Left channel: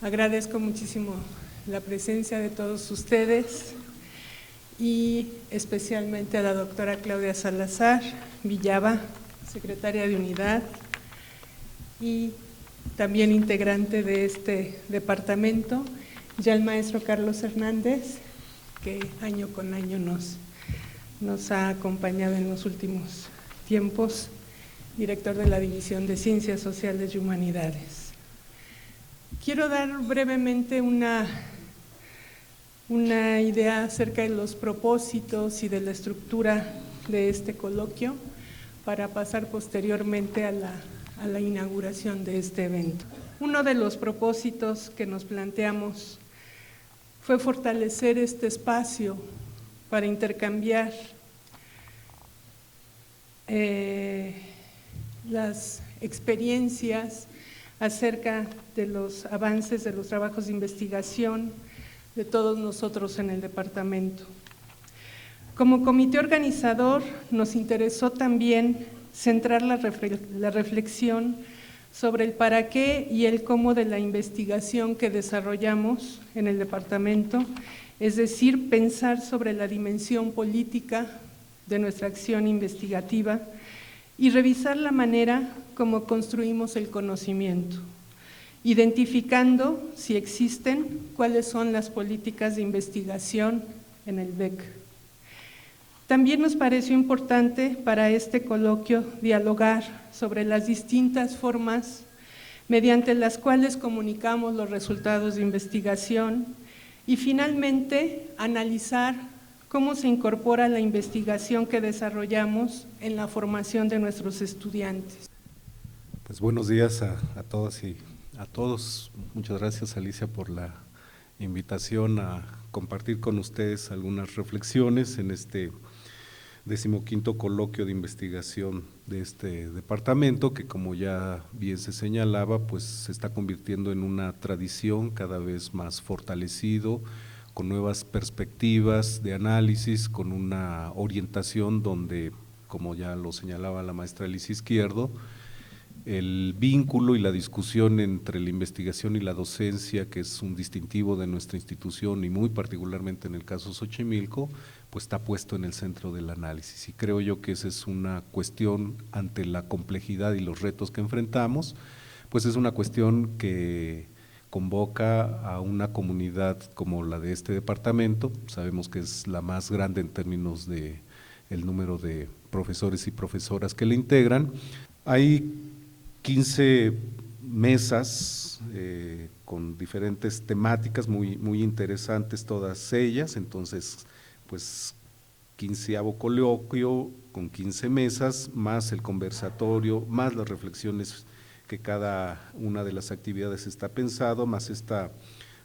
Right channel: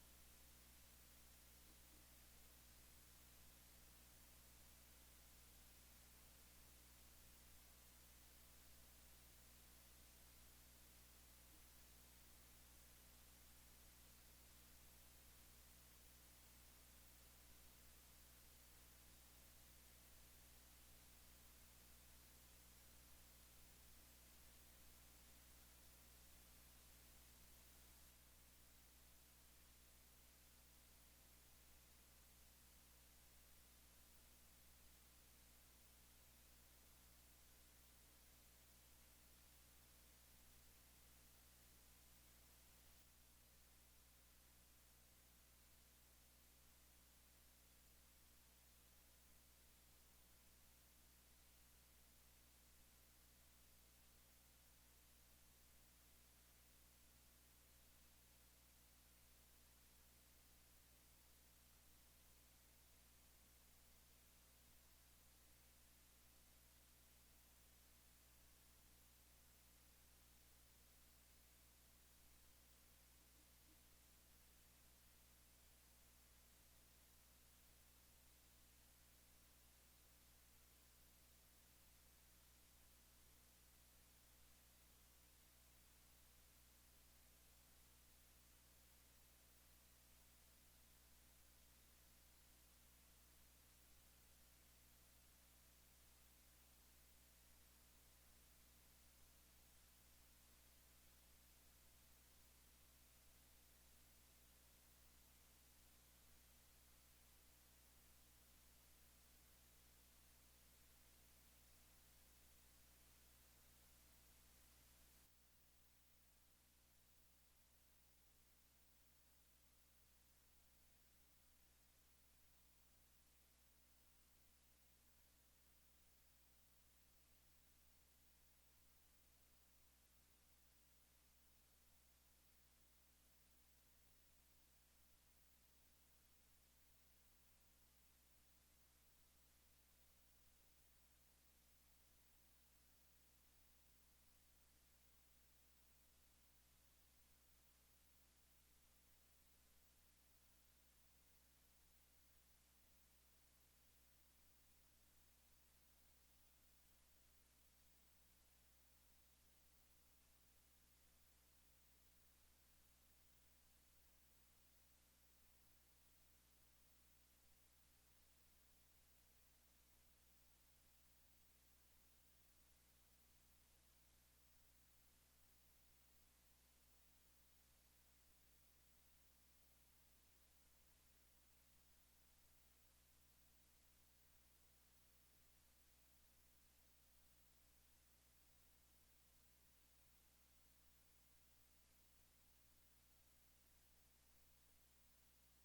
Agradezco muchísimo la presencia de todos ustedes y especialmente a la doctora Claudia Salazar Villaba, secretaria de Unidad y también integrante de este departamento, ya el maestro Carlos Hernández, que año con año nos ha acompañado en los últimos tiempos, director de la División de Ciencias Sociales y Humanidades. Quiero dar brevemente una idea acerca de los propósitos y de la estructura de este coloquio para pasar posteriormente a la inauguración de este evento. Uno de los propósitos que nos planteamos fue fortalecer este espacio para intercambiar las experiencias acerca de los avances de los trabajos de investigación de todos nosotros en el departamento. Como comité organizador nos interesó también centrar la reflexión sobre el para qué y el cómo de la investigación que desarrollamos en el departamento, es decir, pensar sobre la dimensión política de nuestra acción investigativa y revisar la manera como construimos el conocimiento, identificando, si existen, cuáles son las políticas de investigación en el BEC. También nos pareció importante para este coloquio dialogar sobre las distintas formas mediante las cuales comunicamos los resultados de investigación y finalmente analizar cómo se incorpora la investigación que desarrollamos en la formación de nuestros estudiantes. Pues buenos días a todas y a todos. Muchas gracias, Alicia, por la invitación a compartir con ustedes algunas reflexiones en este 15º coloquio de investigación de este departamento, que como ya bien se señalaba, pues se está convirtiendo en una tradición cada vez más fortalecido, con nuevas perspectivas de análisis, con una orientación donde, como ya lo señalaba la maestra Alicia Izquierdo, el vínculo y la discusión entre la investigación y la docencia, que es un distintivo de nuestra institución y muy particularmente en el caso Xochimilco, pues está puesto en el centro del análisis. Y creo yo que esa es una cuestión ante la complejidad y los retos que enfrentamos, pues es una cuestión que convoca a una comunidad como la de este departamento. Sabemos que es la más grande en términos de el número de profesores y profesoras que le integran. Hay 15 mesas con diferentes temáticas muy interesantes todas ellas, entonces pues 15º coloquio con 15 mesas, más el conversatorio, más las reflexiones que cada una de las actividades está pensado, más esta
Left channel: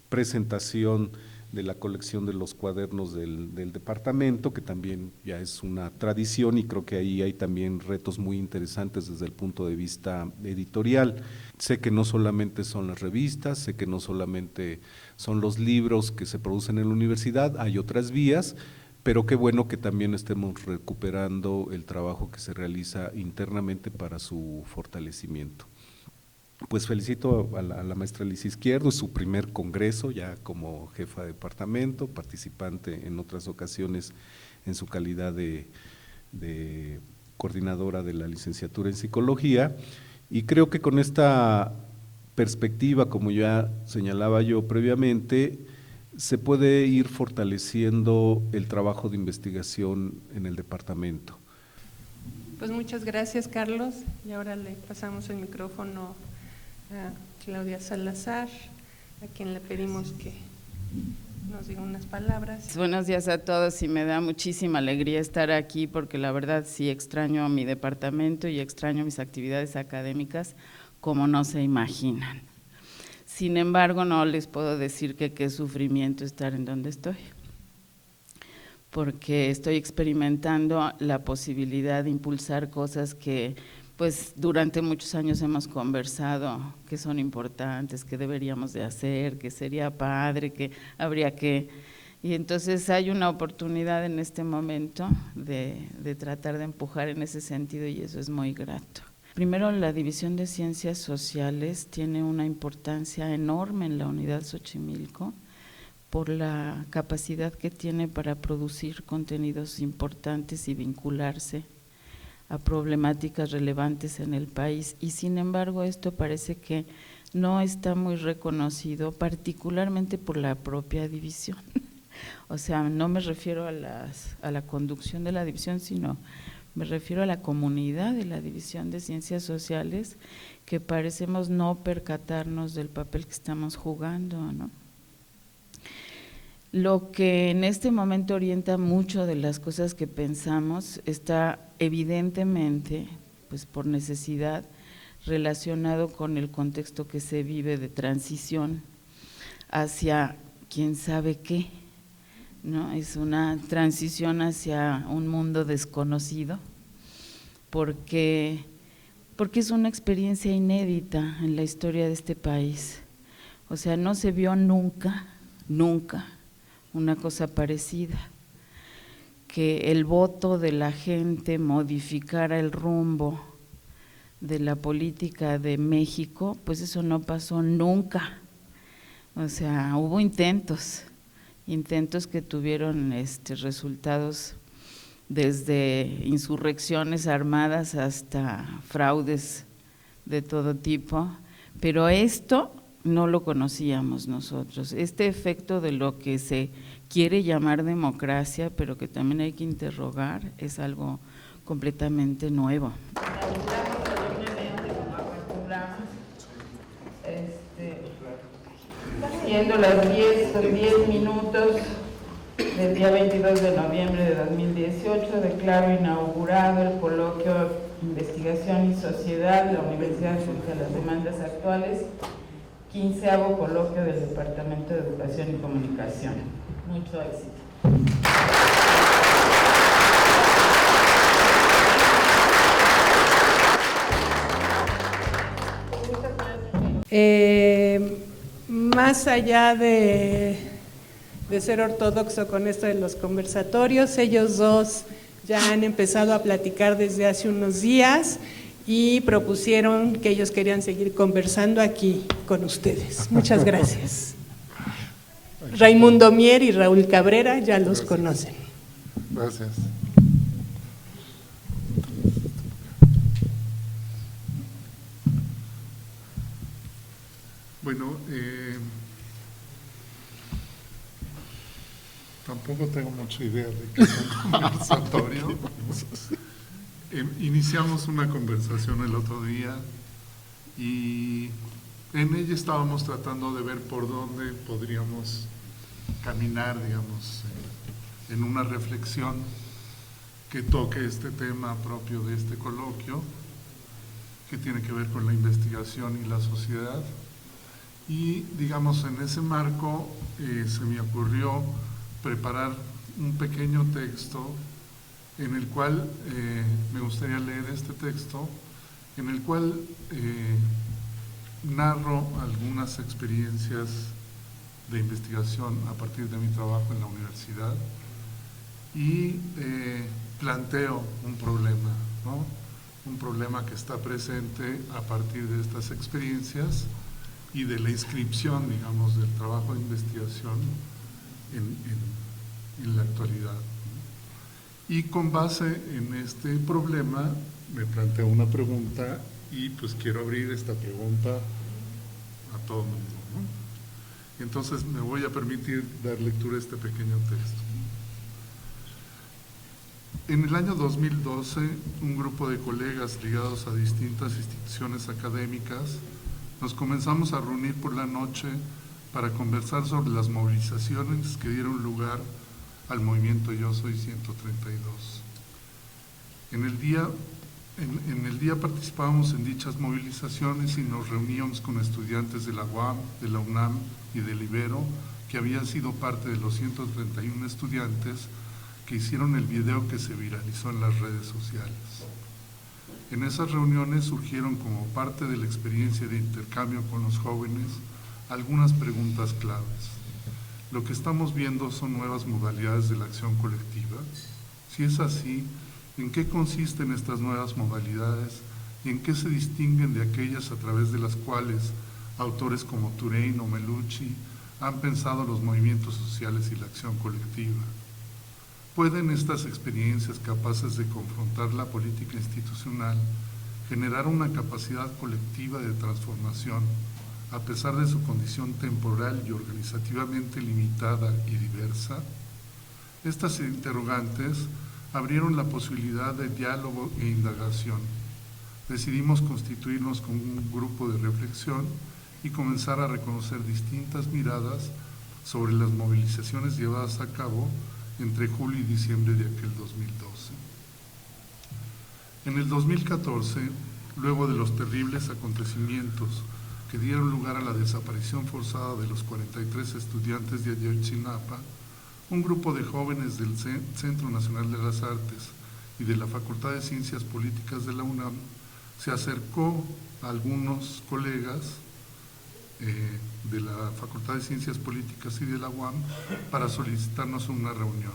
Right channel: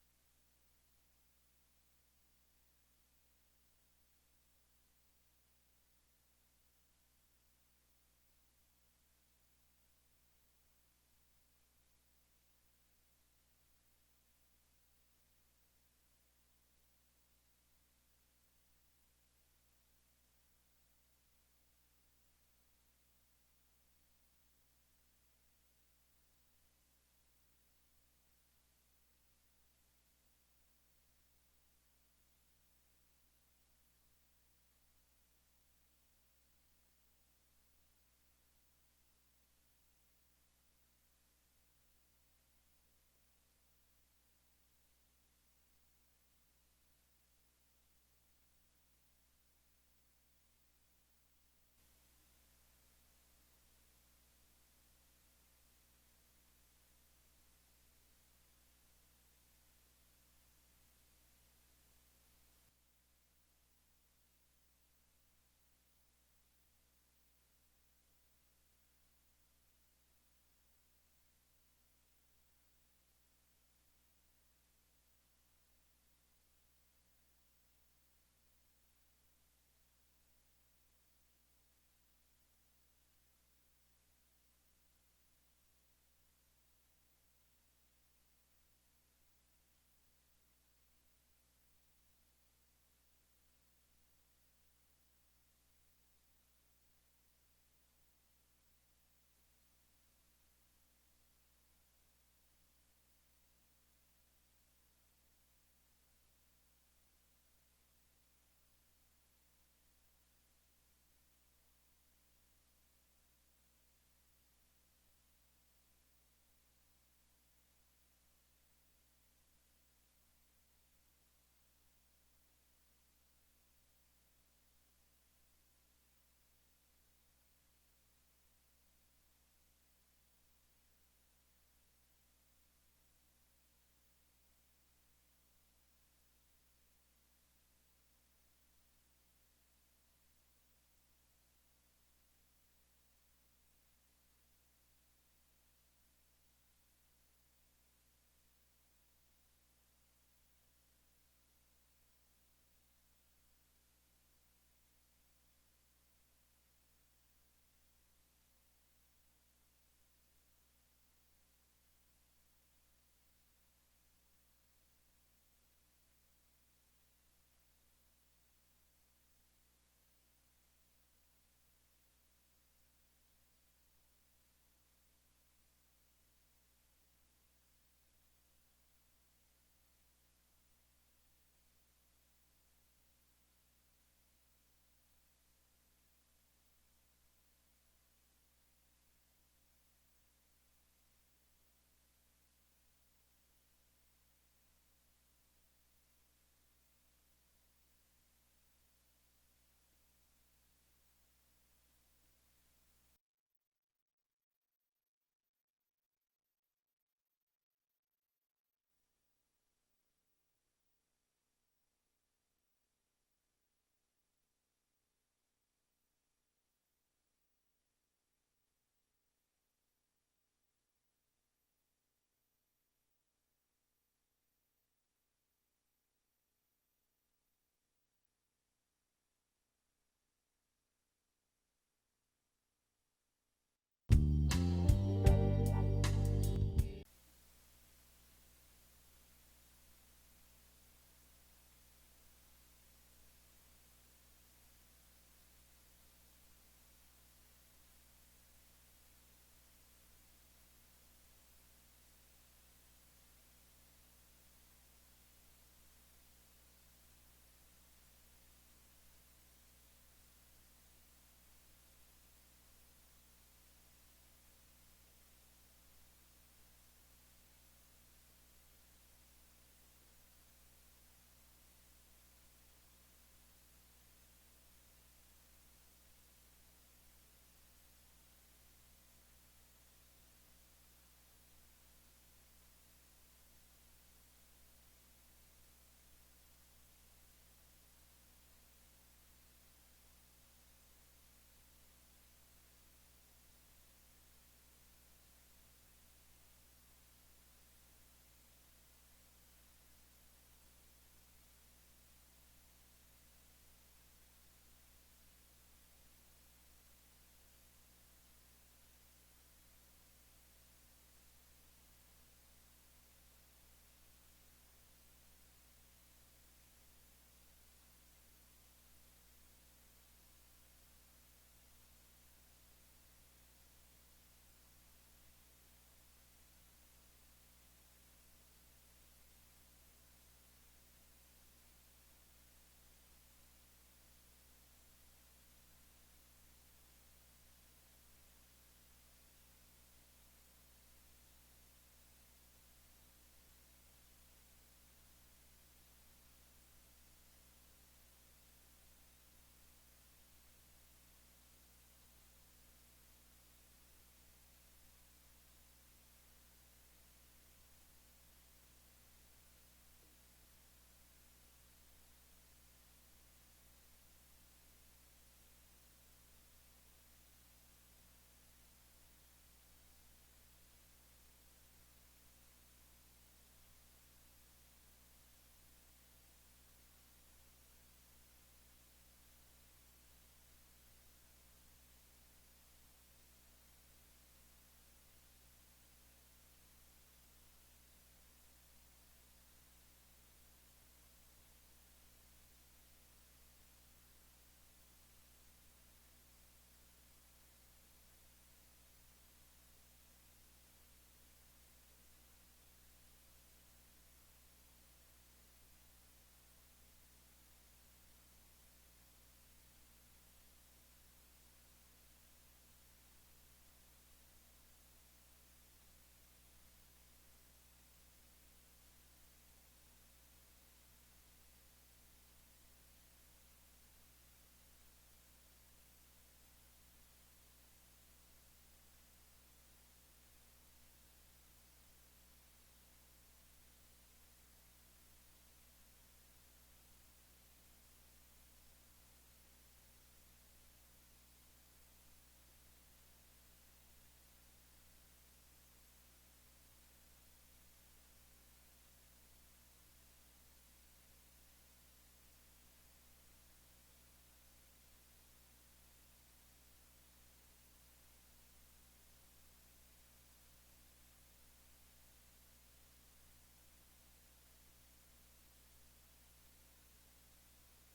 presentación de la colección de los cuadernos del departamento, que también ya es una tradición y creo que ahí hay también retos muy interesantes desde el punto de vista editorial. Sé que no solamente son las revistas, sé que no solamente son los libros que se producen en la universidad, hay otras vías, pero qué bueno que también estemos recuperando el trabajo que se realiza internamente para su fortalecimiento. Pues felicito a la maestra Alicia Izquierdo, es su primer congreso ya como jefa de departamento, participante en otras ocasiones en su calidad de coordinadora de la licenciatura en psicología, y creo que con esta perspectiva, como ya señalaba yo previamente, se puede ir fortaleciendo el trabajo de investigación en el departamento. Pues muchas gracias, Carlos, y ahora le pasamos el micrófono a Claudia Salazar, a quien le pedimos que nos diga unas palabras. Buenos días a todos y me da muchísima alegría estar aquí porque la verdad sí extraño a mi departamento y extraño mis actividades académicas como no se imaginan. Sin embargo, no les puedo decir que qué sufrimiento estar en donde estoy, porque estoy experimentando la posibilidad de impulsar cosas que pues durante muchos años hemos conversado que son importantes, que deberíamos de hacer, que sería padre, que habría que… Y entonces hay una oportunidad en este momento de tratar de empujar en ese sentido y eso es muy grato. Primero, la División de Ciencias Sociales tiene una importancia enorme en la Unidad Xochimilco por la capacidad que tiene para producir contenidos importantes y vincularse a problemáticas relevantes en el país, y sin embargo esto parece que no está muy reconocido, particularmente por la propia división. O sea, no me refiero a la conducción de la división, sino me refiero a la comunidad de la División de Ciencias Sociales, que parecemos no percatarnos del papel que estamos jugando, ¿no? Lo que en este momento orienta mucho de las cosas que pensamos está evidentemente, pues por necesidad, relacionado con el contexto que se vive de transición hacia quién sabe qué, ¿no? Es una transición hacia un mundo desconocido, porque es una experiencia inédita en la historia de este país. O sea, no se vio nunca una cosa parecida, que el voto de la gente modificara el rumbo de la política de México, pues eso no pasó nunca. O sea, hubo intentos que tuvieron resultados desde insurrecciones armadas hasta fraudes de todo tipo, pero esto no lo conocíamos nosotros. Este efecto de lo que se quiere llamar democracia, pero que también hay que interrogar, es algo completamente nuevo. Siendo las 10 minutos del día 22 de noviembre de 2018, declaro inaugurado el coloquio Investigación y Sociedad de la Universidad frente a las demandas actuales, 15º coloquio del Departamento de Educación y Comunicación. Mucho éxito. Más allá de ser ortodoxo con esto de los conversatorios, ellos dos ya han empezado a platicar desde hace unos días y propusieron que ellos querían seguir conversando aquí con ustedes. Muchas gracias. Raimundo Mier y Raúl Cabrera ya los conocen. Gracias. Bueno, tampoco tengo mucha idea de qué es un conversatorio. Iniciamos una conversación el otro día y en ella estábamos tratando de ver por dónde podríamos caminar, digamos, en una reflexión que toque este tema propio de este coloquio, que tiene que ver con la investigación y la sociedad. Y, digamos, en ese marco se me ocurrió preparar un pequeño texto en el cual me gustaría leer este texto, en el cual narro algunas experiencias de investigación a partir de mi trabajo en la universidad y planteo un problema, ¿no? Un problema que está presente a partir de estas experiencias y de la inscripción, digamos, del trabajo de investigación en la actualidad. Y con base en este problema me planteo una pregunta y pues quiero abrir esta pregunta a todo el mundo, ¿no? Entonces me voy a permitir dar lectura a este pequeño texto. En el año 2012, un grupo de colegas ligados a distintas instituciones académicas nos comenzamos a reunir por la noche para conversar sobre las movilizaciones que dieron lugar al movimiento Yo Soy 132. En el día participábamos en dichas movilizaciones y nos reuníamos con estudiantes de la UAM, de la UNAM y del Ibero, que habían sido parte de los 131 estudiantes que hicieron el video que se viralizó en las redes sociales. En esas reuniones surgieron como parte de la experiencia de intercambio con los jóvenes algunas preguntas claves. ¿Lo que estamos viendo son nuevas modalidades de la acción colectiva? Si es así, ¿en qué consisten estas nuevas modalidades y en qué se distinguen de aquellas a través de las cuales autores como Touraine o Melucci han pensado los movimientos sociales y la acción colectiva. ¿Pueden estas experiencias capaces de confrontar la política institucional generar una capacidad colectiva de transformación a pesar de su condición temporal y organizativamente limitada y diversa? Estas interrogantes abrieron la posibilidad de diálogo e indagación. Decidimos constituirnos como un grupo de reflexión y comenzar a reconocer distintas miradas sobre las movilizaciones llevadas a cabo entre julio y diciembre de aquel 2012. En el 2014, luego de los terribles acontecimientos que dieron lugar a la desaparición forzada de los 43 estudiantes de Ayotzinapa, un grupo de jóvenes del Centro Nacional de las Artes y de la Facultad de Ciencias Políticas de la UNAM se acercó a algunos colegas de la Facultad de Ciencias Políticas y de la UAM para solicitarnos una reunión.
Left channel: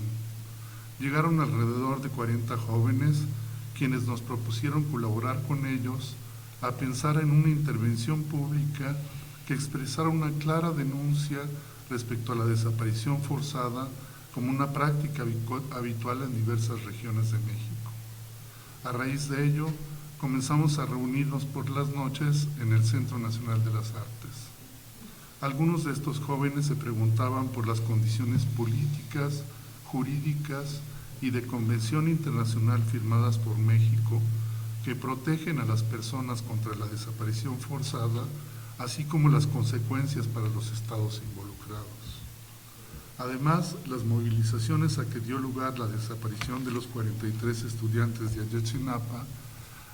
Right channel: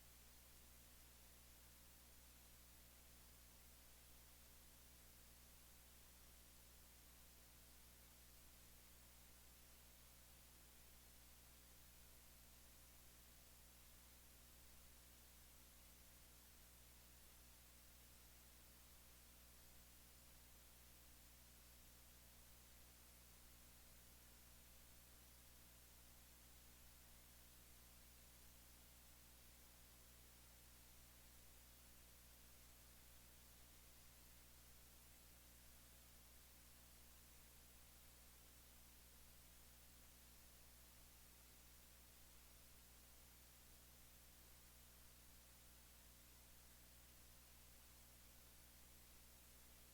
Llegaron alrededor de 40 jóvenes quienes nos propusieron colaborar con ellos a pensar en una intervención pública que expresara una clara denuncia respecto a la desaparición forzada como una práctica habitual en diversas regiones de México. A raíz de ello, comenzamos a reunirnos por las noches en el Centro Nacional de las Artes. Algunos de estos jóvenes se preguntaban por las condiciones políticas, jurídicas y de convención internacional firmadas por México que protegen a las personas contra la desaparición forzada, así como las consecuencias para los estados involucrados. Además, las movilizaciones a que dio lugar la desaparición de los 43 estudiantes de Ayotzinapa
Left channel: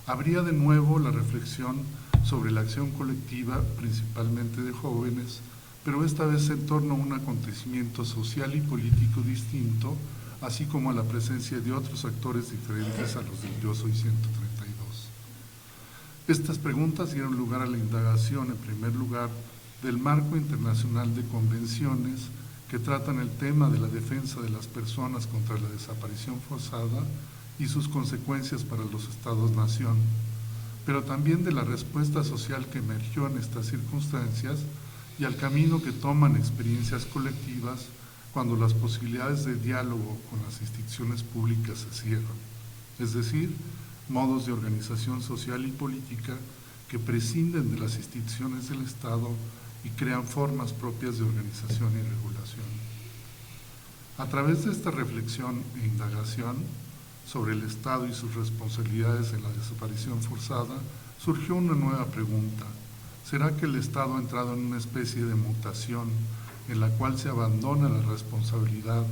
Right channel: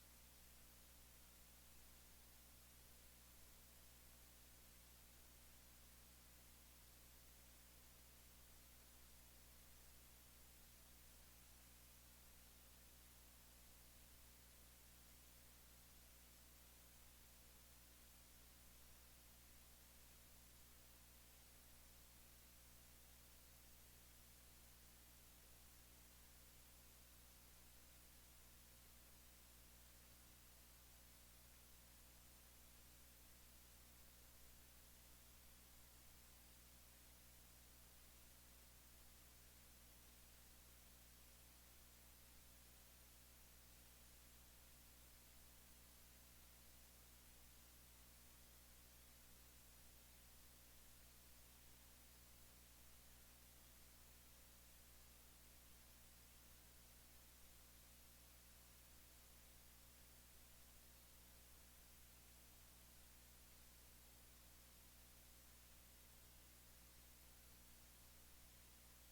abría de nuevo la reflexión sobre la acción colectiva, principalmente de jóvenes, pero esta vez en torno a un acontecimiento social y político distinto, así como a la presencia de otros actores diferentes a los del Yo Soy 132. Estas preguntas dieron lugar a la indagación, en primer lugar, del marco internacional de convenciones que tratan el tema de la defensa de las personas contra la desaparición forzada y sus consecuencias para los estados-nación, pero también de la respuesta social que emergió en estas circunstancias y al camino que toman experiencias colectivas cuando las posibilidades de diálogo con las instituciones públicas se cierran, es decir, modos de organización social y política que prescinden de las instituciones del Estado y crean formas propias de organización y regulación. A través de esta reflexión e indagación sobre el Estado y sus responsabilidades en la desaparición forzada, surgió una nueva pregunta. ¿Será que el Estado ha entrado en una especie de mutación en la cual se abandona la responsabilidad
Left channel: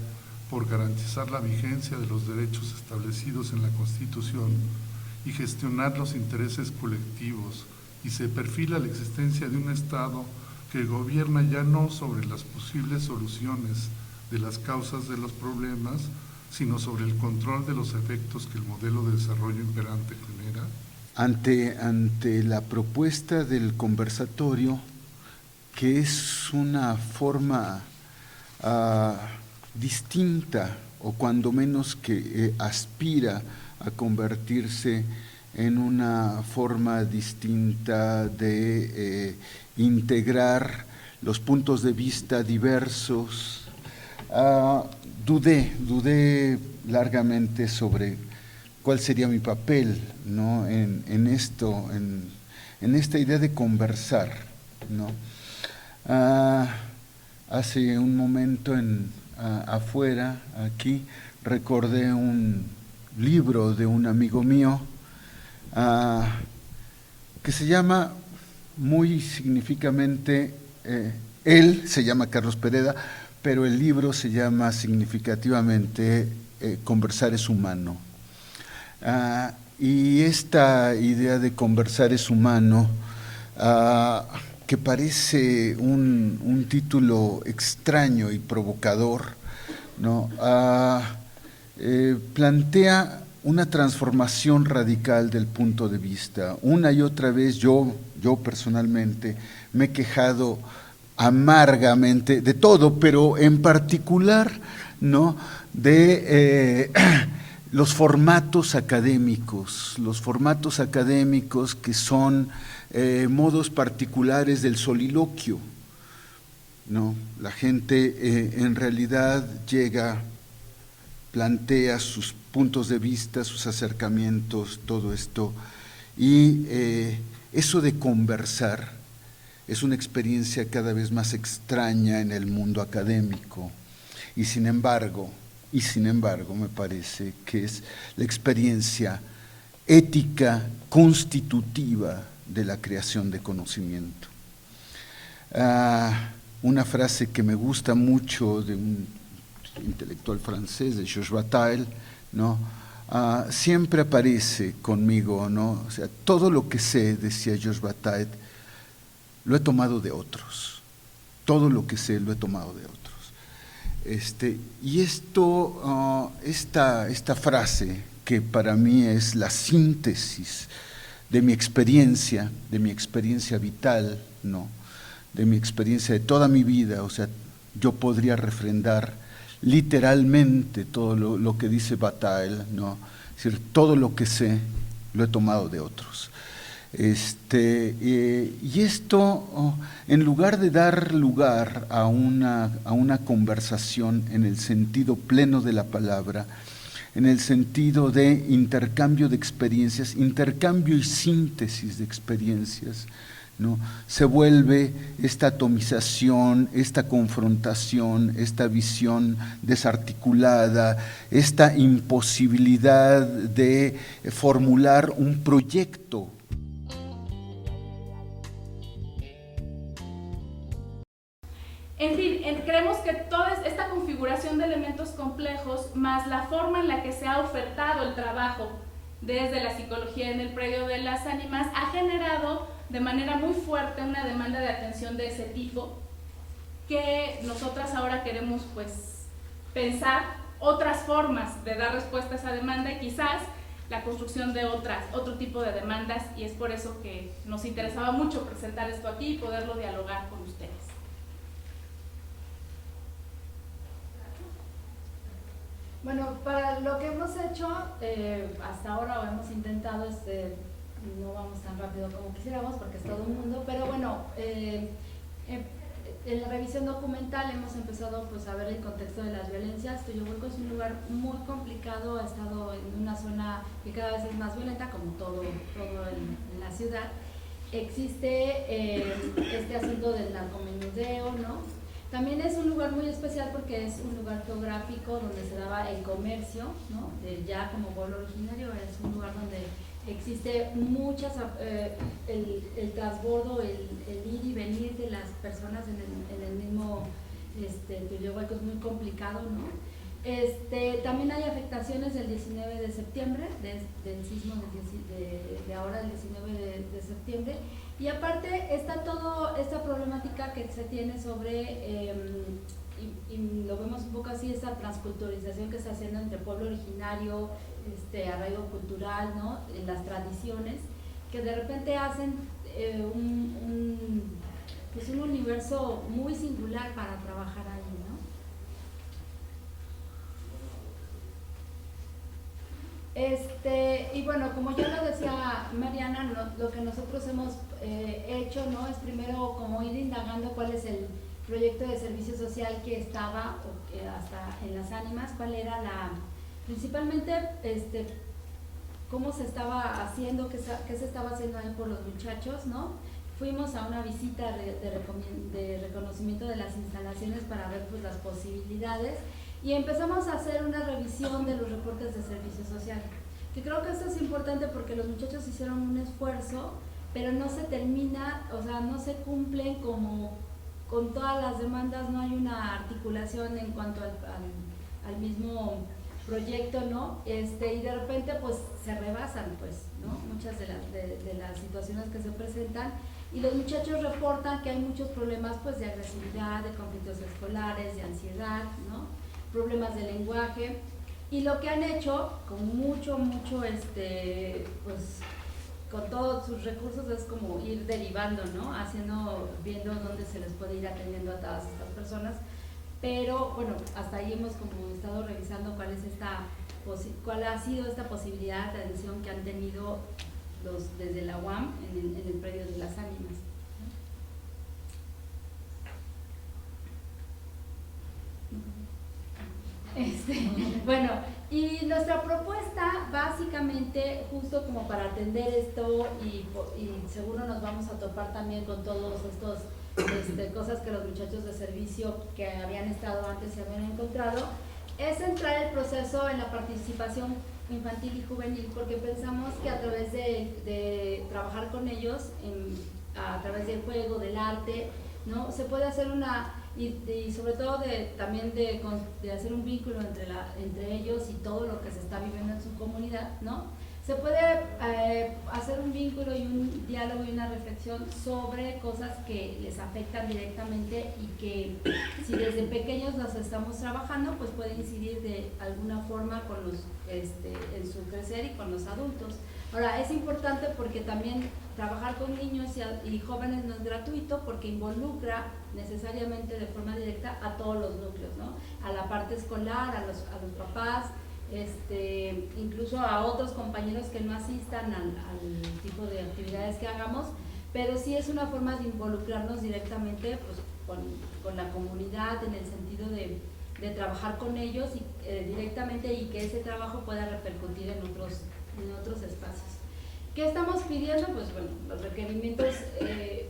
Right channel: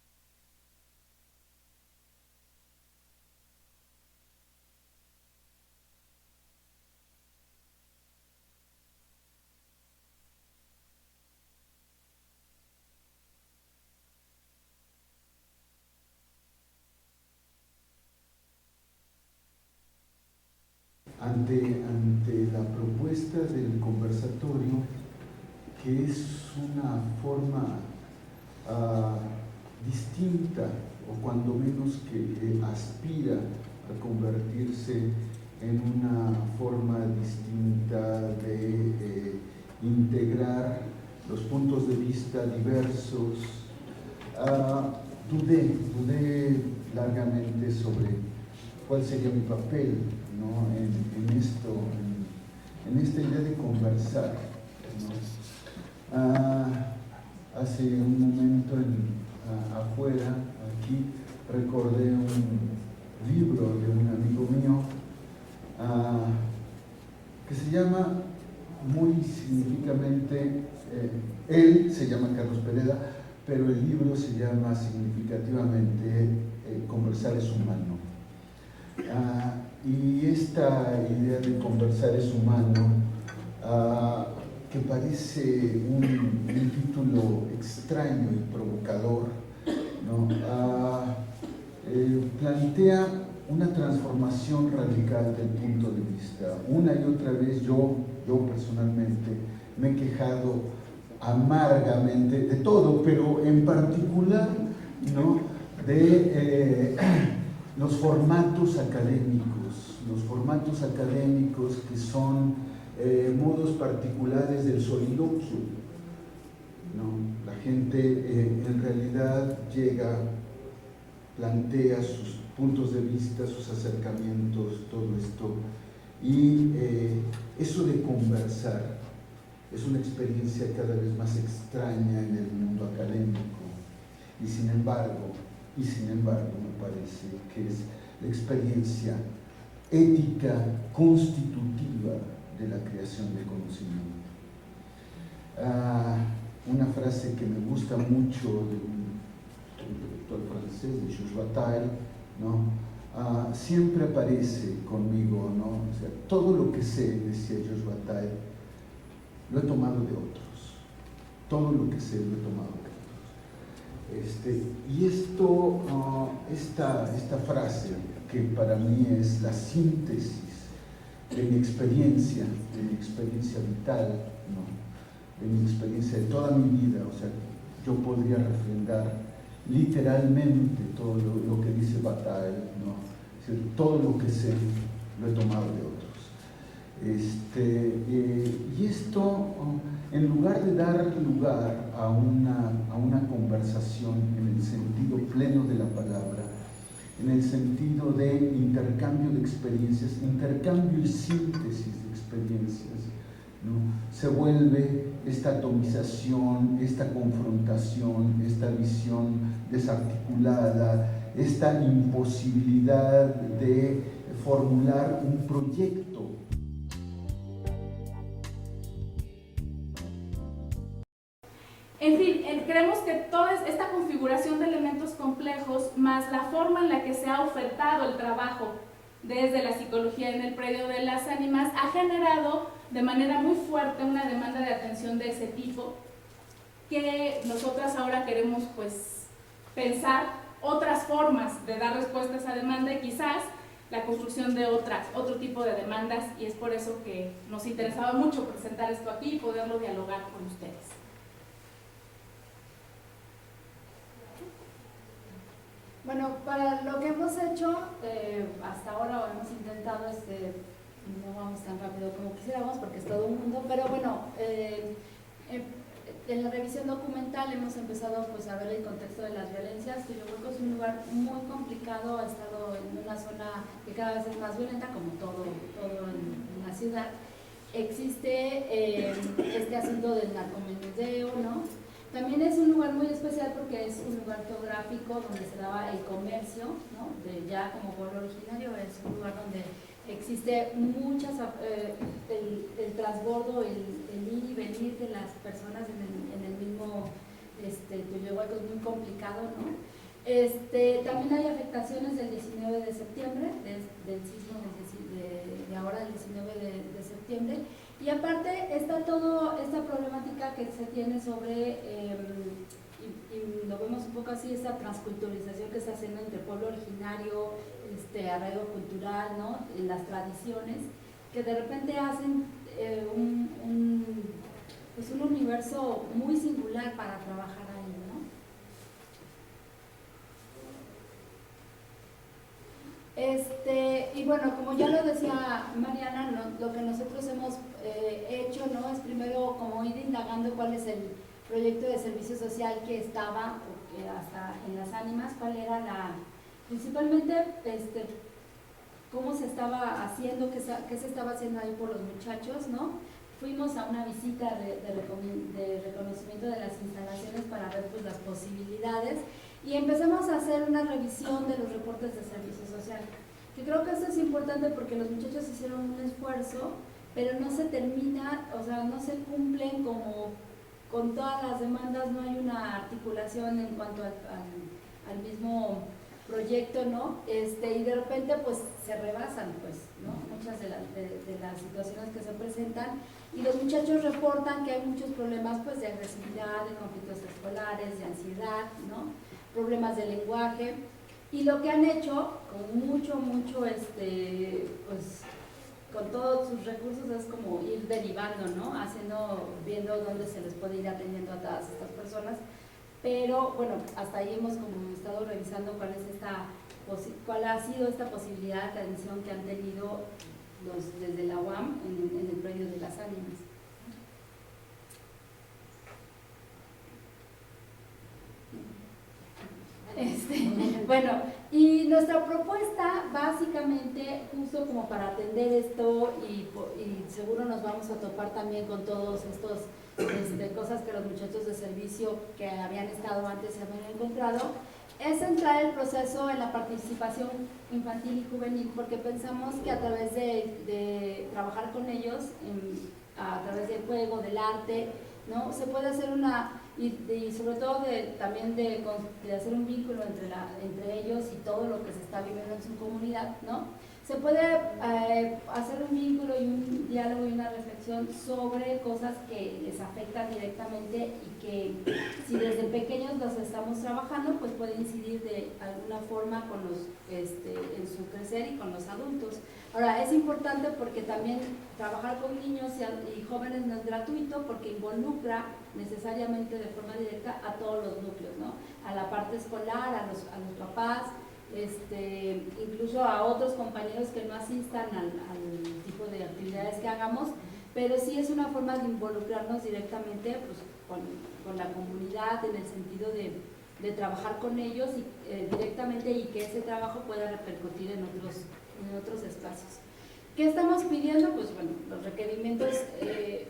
por garantizar la vigencia de los derechos establecidos en la Constitución y gestionar los intereses colectivos, y se perfila la existencia de un Estado que gobierna ya no sobre las posibles soluciones de las causas de los problemas, sino sobre el control de los efectos que el modelo de desarrollo imperante genera? Ante la propuesta del conversatorio, que es una forma distinta, o cuando menos que aspira a convertirse en una forma distinta de integrar los puntos de vista diversos, dudé largamente sobre cuál sería mi papel, ¿no? en esta idea de conversar, ¿no? Hace un momento afuera, aquí, recordé un libro de un amigo mío que se llama muy significativamente, él se llama Carlos Pereda, pero el libro se llama significativamente Conversar es humano. Y esta idea de conversar es humano, que parece un título extraño y provocador, ¿no? Plantea una transformación radical del punto de vista. Una y otra vez yo personalmente me he quejado amargamente de todo, pero en particular, ¿no?, de los formatos académicos que son modos particulares del soliloquio, ¿no? La gente en realidad llega, plantea sus puntos de vista, sus acercamientos, todo esto, y eso de conversar es una experiencia cada vez más extraña en el mundo académico, y sin embargo me parece que es la experiencia ética constitutiva de la creación de conocimiento. Una frase que me gusta mucho de un intelectual francés, de Georges Bataille, ¿no? Siempre aparece conmigo, ¿no? O sea, todo lo que sé, decía Georges Bataille, lo he tomado de otros. Todo lo que sé lo he tomado de otros. Y esta frase, que para mí es la síntesis de mi experiencia vital, ¿no? De mi experiencia de toda mi vida, o sea, yo podría refrendar literalmente todo lo que dice Bataille, ¿no? Es decir, todo lo que sé lo he tomado de otros. Y esto, en lugar de dar lugar a una conversación en el sentido pleno de la palabra, en el sentido de intercambio de experiencias, intercambio y síntesis de experiencias, ¿no? Se vuelve esta atomización, esta confrontación, esta visión desarticulada, esta imposibilidad de formular un proyecto. En fin, creemos que toda esta configuración de elementos complejos, más la forma en la que se ha ofertado el trabajo desde la psicología en el predio de las ánimas, ha generado de manera muy fuerte una demanda de atención de ese tipo, que nosotras ahora queremos pues pensar otras formas de dar respuesta a esa demanda y quizás la construcción de otro tipo de demandas, y es por eso que nos interesaba mucho presentar esto aquí y poderlo dialogar con ustedes. Bueno, para lo que hemos hecho hasta ahora, o hemos intentado, no vamos tan rápido como quisiéramos porque es todo un mundo, pero bueno, en la revisión documental hemos empezado pues, a ver el contexto de las violencias. Tuyohueco es un lugar muy complicado, ha estado en una zona que cada vez es más violenta, como todo en la ciudad. Existe este asunto del narcomenudeo, ¿no? También es un lugar muy especial porque es un lugar geográfico donde se daba el comercio, ¿no? Ya como pueblo originario, es un lugar donde existe muchas, el transbordo, el ir y venir de las personas en el mismo Tuyohueco es muy complicado, ¿no? También hay afectaciones del 19 de septiembre, del sismo de ahora, el 19 de septiembre. Y aparte está toda esta problemática que se tiene sobre, y lo vemos un poco así, esta transculturización que se está haciendo entre pueblo originario, arraigo cultural, ¿no? En las tradiciones, que de repente hacen un universo muy singular para trabajar ahí, ¿no? Y bueno, como ya lo decía Mariana, lo que nosotros hemos hecho, ¿no? Es primero como ir indagando cuál es el proyecto de servicio social que estaba hasta en las ánimas, cuál era principalmente cómo se estaba haciendo, qué se estaba haciendo ahí por los muchachos, ¿no? Fuimos a una visita de reconocimiento de las instalaciones para ver pues las posibilidades y empezamos a hacer una revisión de los reportes de servicio social, que creo que esto es importante porque los muchachos hicieron un esfuerzo, pero no se termina, o sea, no se cumplen como con todas las demandas, no hay una articulación en cuanto al mismo proyecto, ¿no? Y de repente pues se rebasan, pues, ¿no? Muchas de las situaciones que se presentan y los muchachos reportan que hay muchos problemas pues de agresividad, de conflictos escolares, de ansiedad, ¿no? Problemas de lenguaje, y lo que han hecho con mucho pues con todos sus recursos es como ir derivando, ¿no? Viendo dónde se les puede ir atendiendo a todas estas personas. Pero bueno, hasta ahí hemos como estado revisando cuál es cuál ha sido esta posibilidad de atención que han tenido desde la UAM en el predio de las Ánimas. Bueno, y nuestra propuesta básicamente, justo como para atender esto, y seguro nos vamos a topar también con todos estos cosas que los muchachos de servicio que habían estado antes se habían encontrado, es centrar el proceso en la participación infantil y juvenil, porque pensamos que a través de trabajar con ellos, a través del juego, del arte, ¿no? Se puede hacer y sobre todo también de hacer un vínculo entre ellos y todo lo que se está viviendo en su comunidad, ¿no? Se puede hacer un vínculo y un diálogo y una reflexión sobre cosas que les afectan directamente y que si desde pequeños las estamos trabajando, pues puede incidir de alguna forma en su crecer y con los adultos. Ahora, es importante porque también trabajar con niños y jóvenes no es gratuito, porque involucra necesariamente de forma directa a todos los núcleos, ¿no? A la parte escolar, a los papás, incluso a otros compañeros que no asistan al tipo de actividades que hagamos, pero sí es una forma de involucrarnos directamente pues, con la comunidad, en el sentido de trabajar con ellos directamente, y que ese trabajo pueda repercutir en otros espacios. ¿Qué estamos pidiendo? Pues bueno, los requerimientos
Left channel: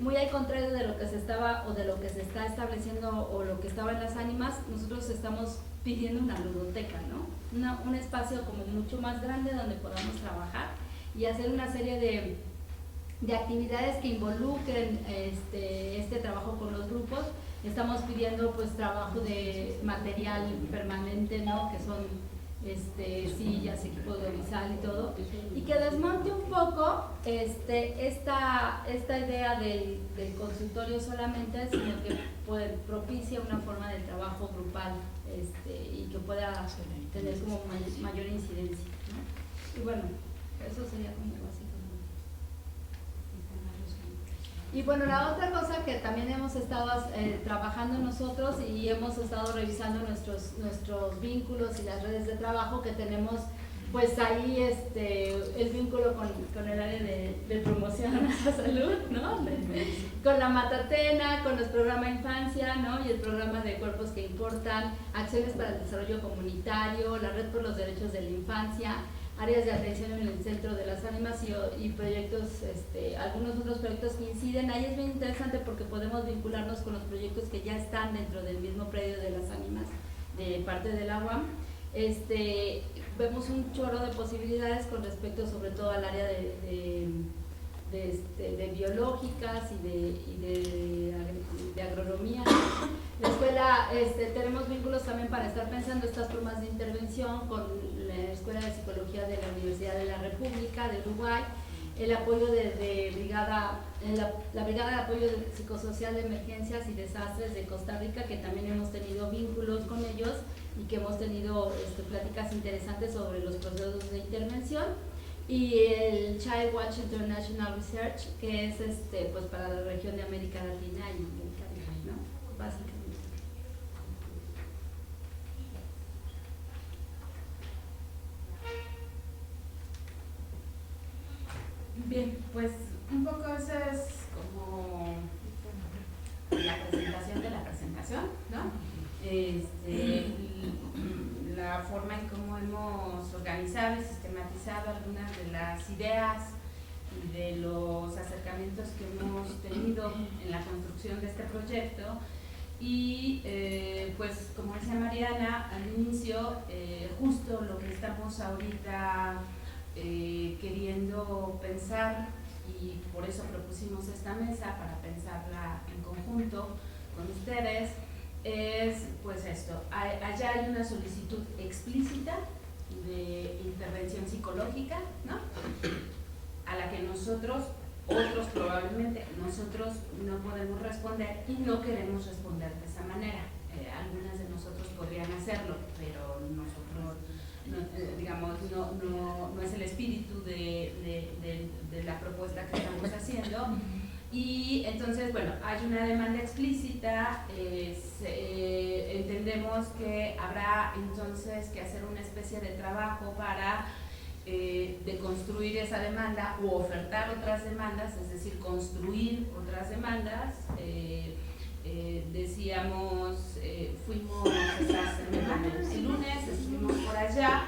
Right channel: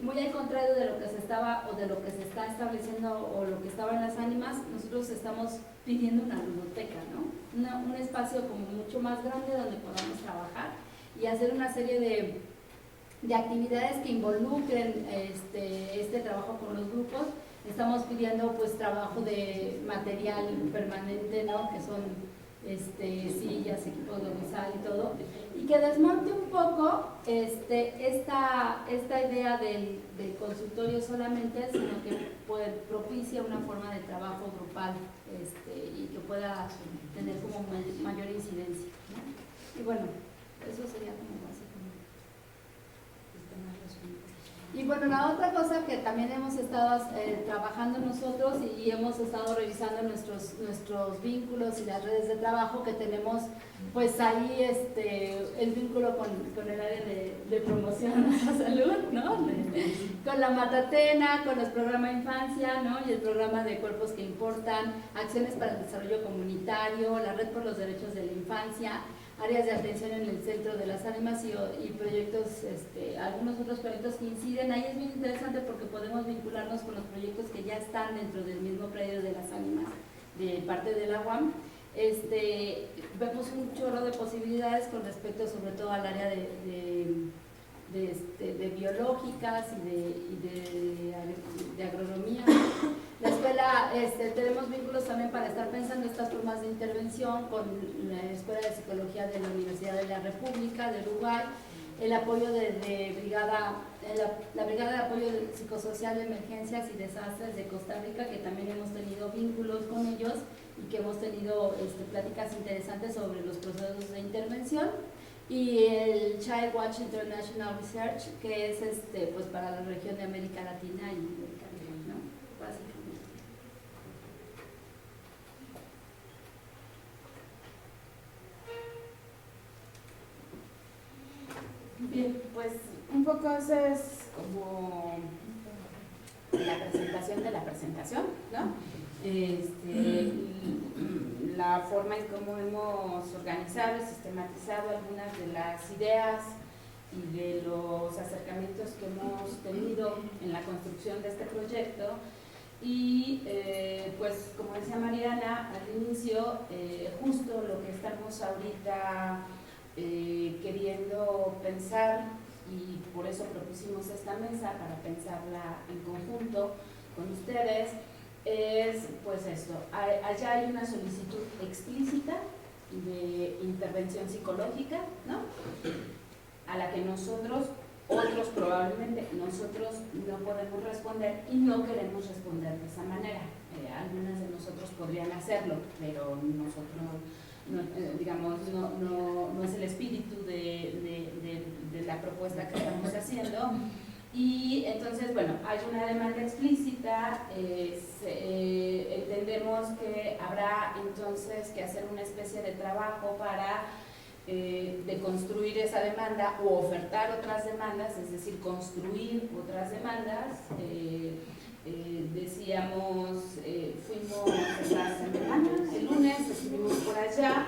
muy al contrario de lo que se estaba o de lo que se está estableciendo o lo que estaba en las Ánimas. Nosotros estamos pidiendo una ludoteca, ¿no? Un espacio como mucho más grande donde podamos trabajar y hacer una serie de actividades que involucren este trabajo con los grupos. Estamos pidiendo pues trabajo de material permanente, ¿no? Que son sillas, equipos de oficial y todo, y que desmonte un poco esta idea del consultorio solamente, sino que propicia una forma de trabajo grupal y que pueda tener como mayor incidencia, ¿no? Y bueno, eso sería como básicamente. Y bueno, la otra cosa que también hemos estado trabajando nosotros y hemos estado revisando nuestros vínculos y las redes de trabajo que tenemos, pues ahí el vínculo con el área de promoción a nuestra salud, ¿no? Con la Matatena, con los programas Infancia, ¿no? Y el programa de Cuerpos que Importan, Acciones para el Desarrollo Comunitario, la Red por los Derechos de la Infancia, áreas de atención en el Centro de las Ánimas y proyectos, algunos otros proyectos que inciden. Ahí es muy interesante porque podemos vincularnos con los proyectos que ya están dentro del mismo predio de las Ánimas, de parte de la UAM. Vemos un chorro de posibilidades con respecto sobre todo al área de biológicas y de agronomía. La escuela, tenemos vínculos también para estar pensando estas formas de intervención con la Escuela de Psicología de la Universidad de la República de Uruguay, el apoyo de la Brigada de Apoyo Psicosocial de Emergencias y Desastres de Costa Rica, que también hemos tenido vínculos con ellos y que hemos tenido pláticas interesantes sobre los procesos de intervención, y el Child Watch International Research, que es pues para la región de América Latina y el Caribe, ¿no? Básicamente. Bien, pues un poco eso es como la presentación de la presentación, ¿no? La forma en cómo hemos organizado y sistematizado algunas de las ideas y de los acercamientos que hemos tenido en la construcción de este proyecto. Y pues como decía Mariana al inicio, justo lo que estamos ahorita queriendo pensar, y por eso propusimos esta mesa para pensarla en conjunto con ustedes, es pues esto: allá hay una solicitud explícita de intervención psicológica, ¿no? A la que nosotros, otros probablemente, nosotros no podemos responder y no queremos responder de esa manera. Algunas de nosotros podrían hacerlo, pero nosotros no es el espíritu de la propuesta que estamos haciendo. Y entonces, bueno, hay una demanda explícita, entender entendemos que habrá entonces que hacer una especie de trabajo para deconstruir esa demanda o ofertar otras demandas, es decir, construir otras demandas. Decíamos, fuimos esa semana, el lunes estuvimos por allá,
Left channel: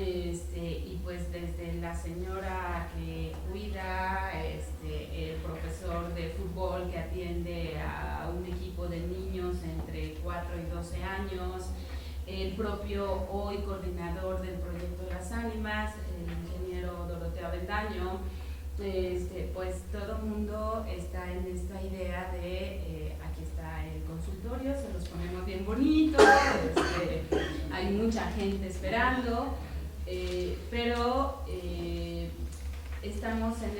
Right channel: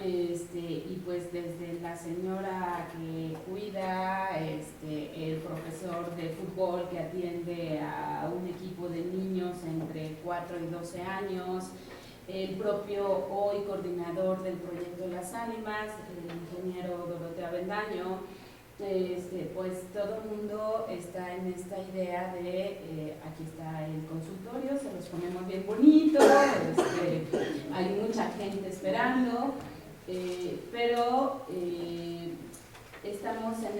y pues desde la señora que cuida, el profesor de fútbol que atiende a un equipo de niños entre 4 y 12 años, el propio hoy coordinador del proyecto Las Ánimas, el ingeniero Doroteo Avendaño, pues todo el mundo está en esta idea de, aquí está el consultorio, se los ponemos bien bonito, hay mucha gente esperando, pero estamos en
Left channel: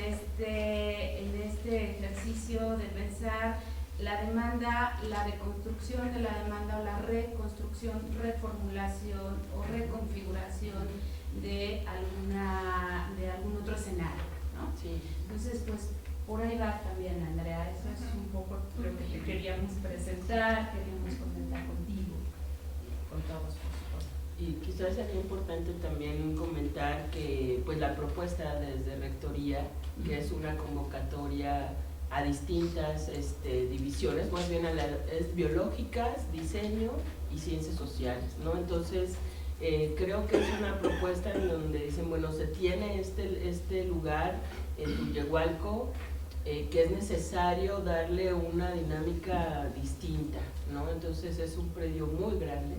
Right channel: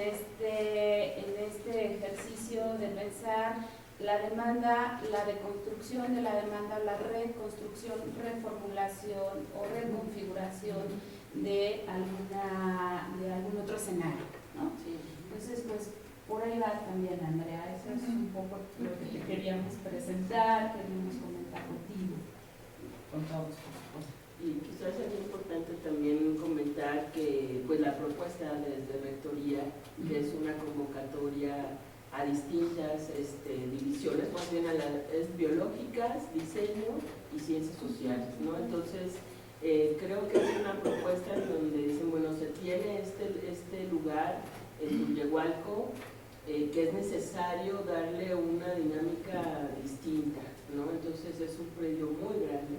este ejercicio de pensar la demanda, la deconstrucción de la demanda o la reconstrucción, reformulación o reconfiguración de algún otro escenario, ¿no? Sí. Entonces, pues por ahí va también, Andrea, eso es un poco lo que queríamos presentar, queríamos comentar contigo, con todos. Y quizás sería importante también comentar que pues la propuesta desde Rectoría es una convocatoria a distintas divisiones, más bien es biológicas, diseño y ciencias sociales, ¿no? Entonces, creo que es una propuesta en donde dicen, bueno, se tiene este lugar en Tullehualco, que es necesario darle una dinámica distinta, ¿no? Entonces es un predio muy grande,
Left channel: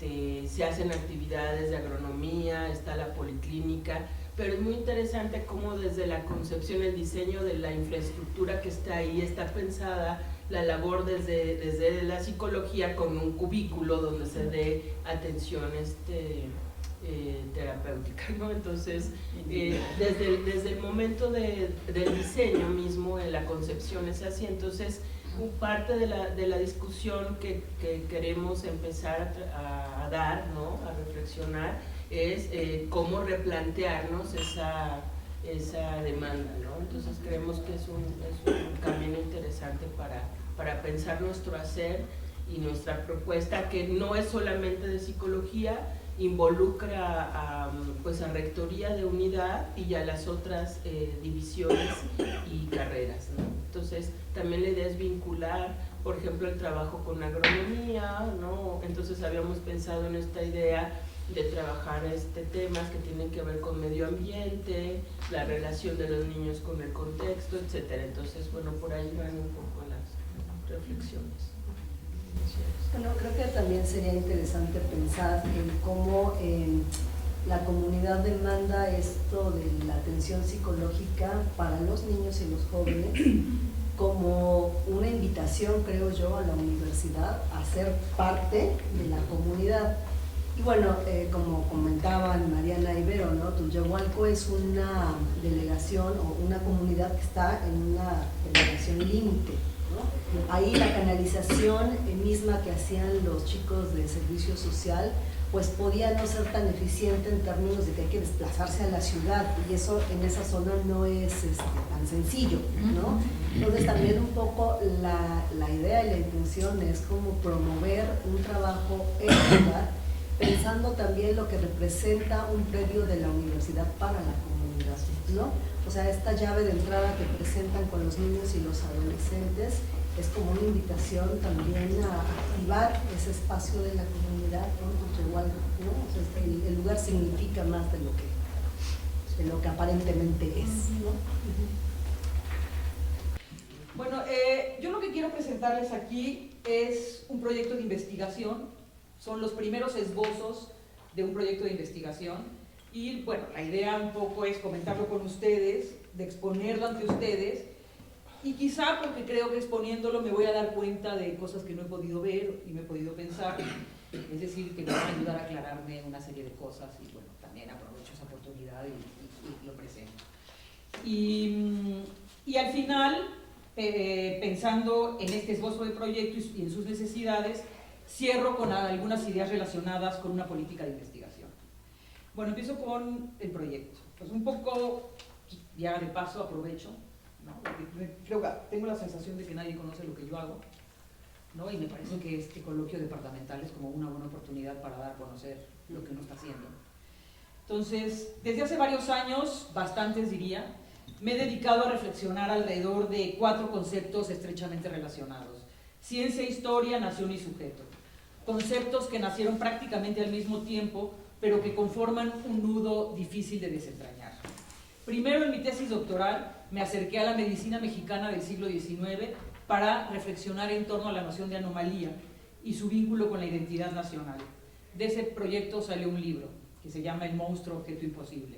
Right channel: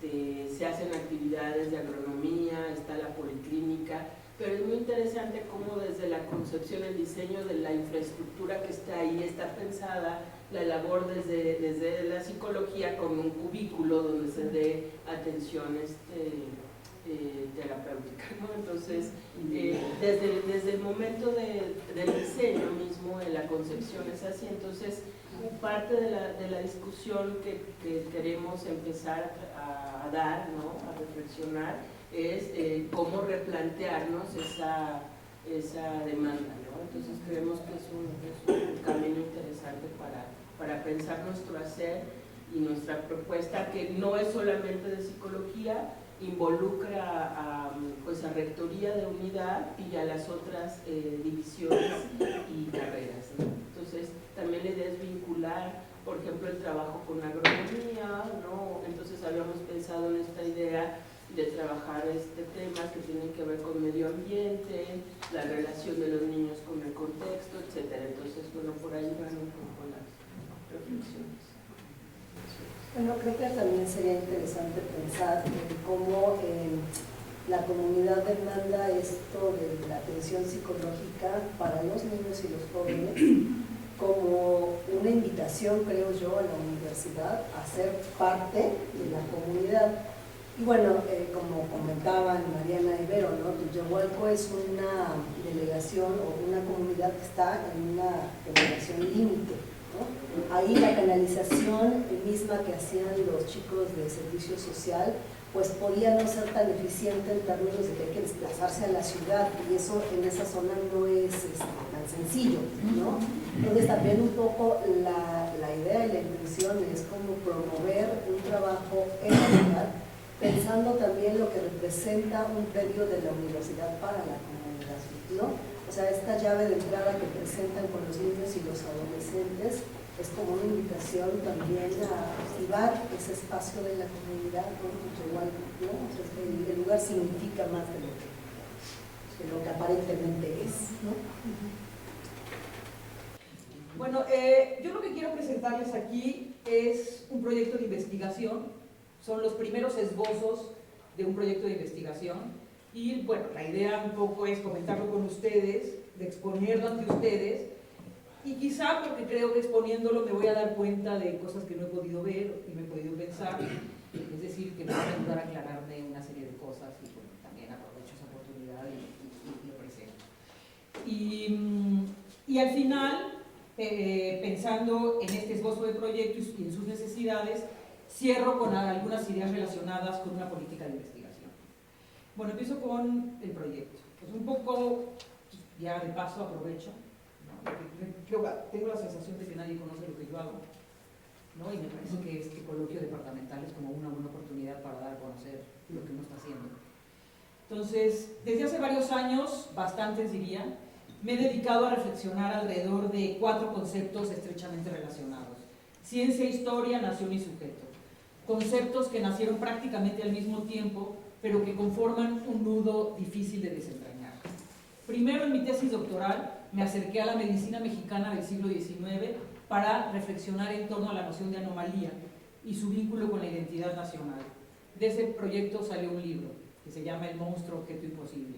se hacen actividades de agronomía, está la policlínica, pero es muy interesante cómo desde la concepción, el diseño de la infraestructura que está ahí, está pensada la labor desde la psicología como un cubículo donde se dé atención terapéutica, ¿no? Entonces, desde el momento del diseño mismo, en la concepción es así. Entonces, parte de la discusión que queremos empezar a dar, ¿no? A reflexionar, es cómo replantearnos esa demanda, ¿no? Entonces creemos que es un camino interesante para pensar nuestro hacer y nuestra propuesta, que no es solamente de psicología, involucra pues a Rectoría de Unidad y a las otras divisiones y carreras, ¿no? Entonces también la idea es vincular, por ejemplo, el trabajo con agronomía, ¿no? Entonces habíamos pensado en esta idea de trabajar temas que tienen que ver con medio ambiente, la relación de los niños con el contexto, etcétera. Entonces, bueno, por ahí van un poco las reflexiones. Bueno, creo que también sería interesante pensar en cómo la comunidad demanda esto de la atención psicológica para los niños y los jóvenes como una invitación, creo yo, a la universidad a ser parte de la comunidad. Y bueno, como comentaban Mariana Ibero, ¿no? Tullehualco es una delegación o una comunidad que está en una delegación límite, ¿no? Ahí la canalización misma que hacían los chicos de servicio social, pues podía no ser tan eficiente en términos de que hay que desplazarse a la ciudad, y eso en esa zona no es tan sencillo, ¿no? Entonces también un poco la idea y la intención es como promover un trabajo en la ciudad, pensando también lo que representa un predio de la universidad para la comunidad, ¿no? O sea, esta llave de entrada que presentan con los niños y los adolescentes es como una invitación también a activar ese espacio de la comunidad, ¿no? O sea, el lugar significa más de lo que aparentemente es, ¿no? Bueno, yo lo que quiero presentarles aquí es un proyecto de investigación. Son los primeros esbozos de un proyecto de investigación y bueno, la idea un poco es comentarlo con ustedes, de exponerlo ante ustedes, y quizá porque creo que exponiéndolo me voy a dar cuenta de cosas que no he podido ver y no he podido pensar, es decir, que me van a ayudar a aclararme una serie de cosas, y bueno, también aprovecho esa oportunidad y lo presento. Y al final, pensando en este esbozo de proyecto y en sus necesidades, cierro con algunas ideas relacionadas con una política de investigación. Bueno, empiezo con el proyecto. Pues un poco, ya de paso aprovecho, ¿no? Creo que tengo la sensación de que nadie conoce lo que yo hago. ¿no? Y me parece que este coloquio departamental es como una buena oportunidad para dar a conocer lo que uno está haciendo. Entonces, desde hace varios años, bastantes diría, me he dedicado a reflexionar alrededor de 4 conceptos estrechamente relacionados: ciencia, historia, nación y sujeto. Conceptos que nacieron prácticamente al mismo tiempo, pero que conforman un nudo difícil de desentrañar. Primero, en mi tesis doctoral, me acerqué a la medicina mexicana del siglo XIX para reflexionar en torno a la noción de anomalía y su vínculo con la identidad nacional. De ese proyecto salió un libro que se llama El monstruo, objeto imposible.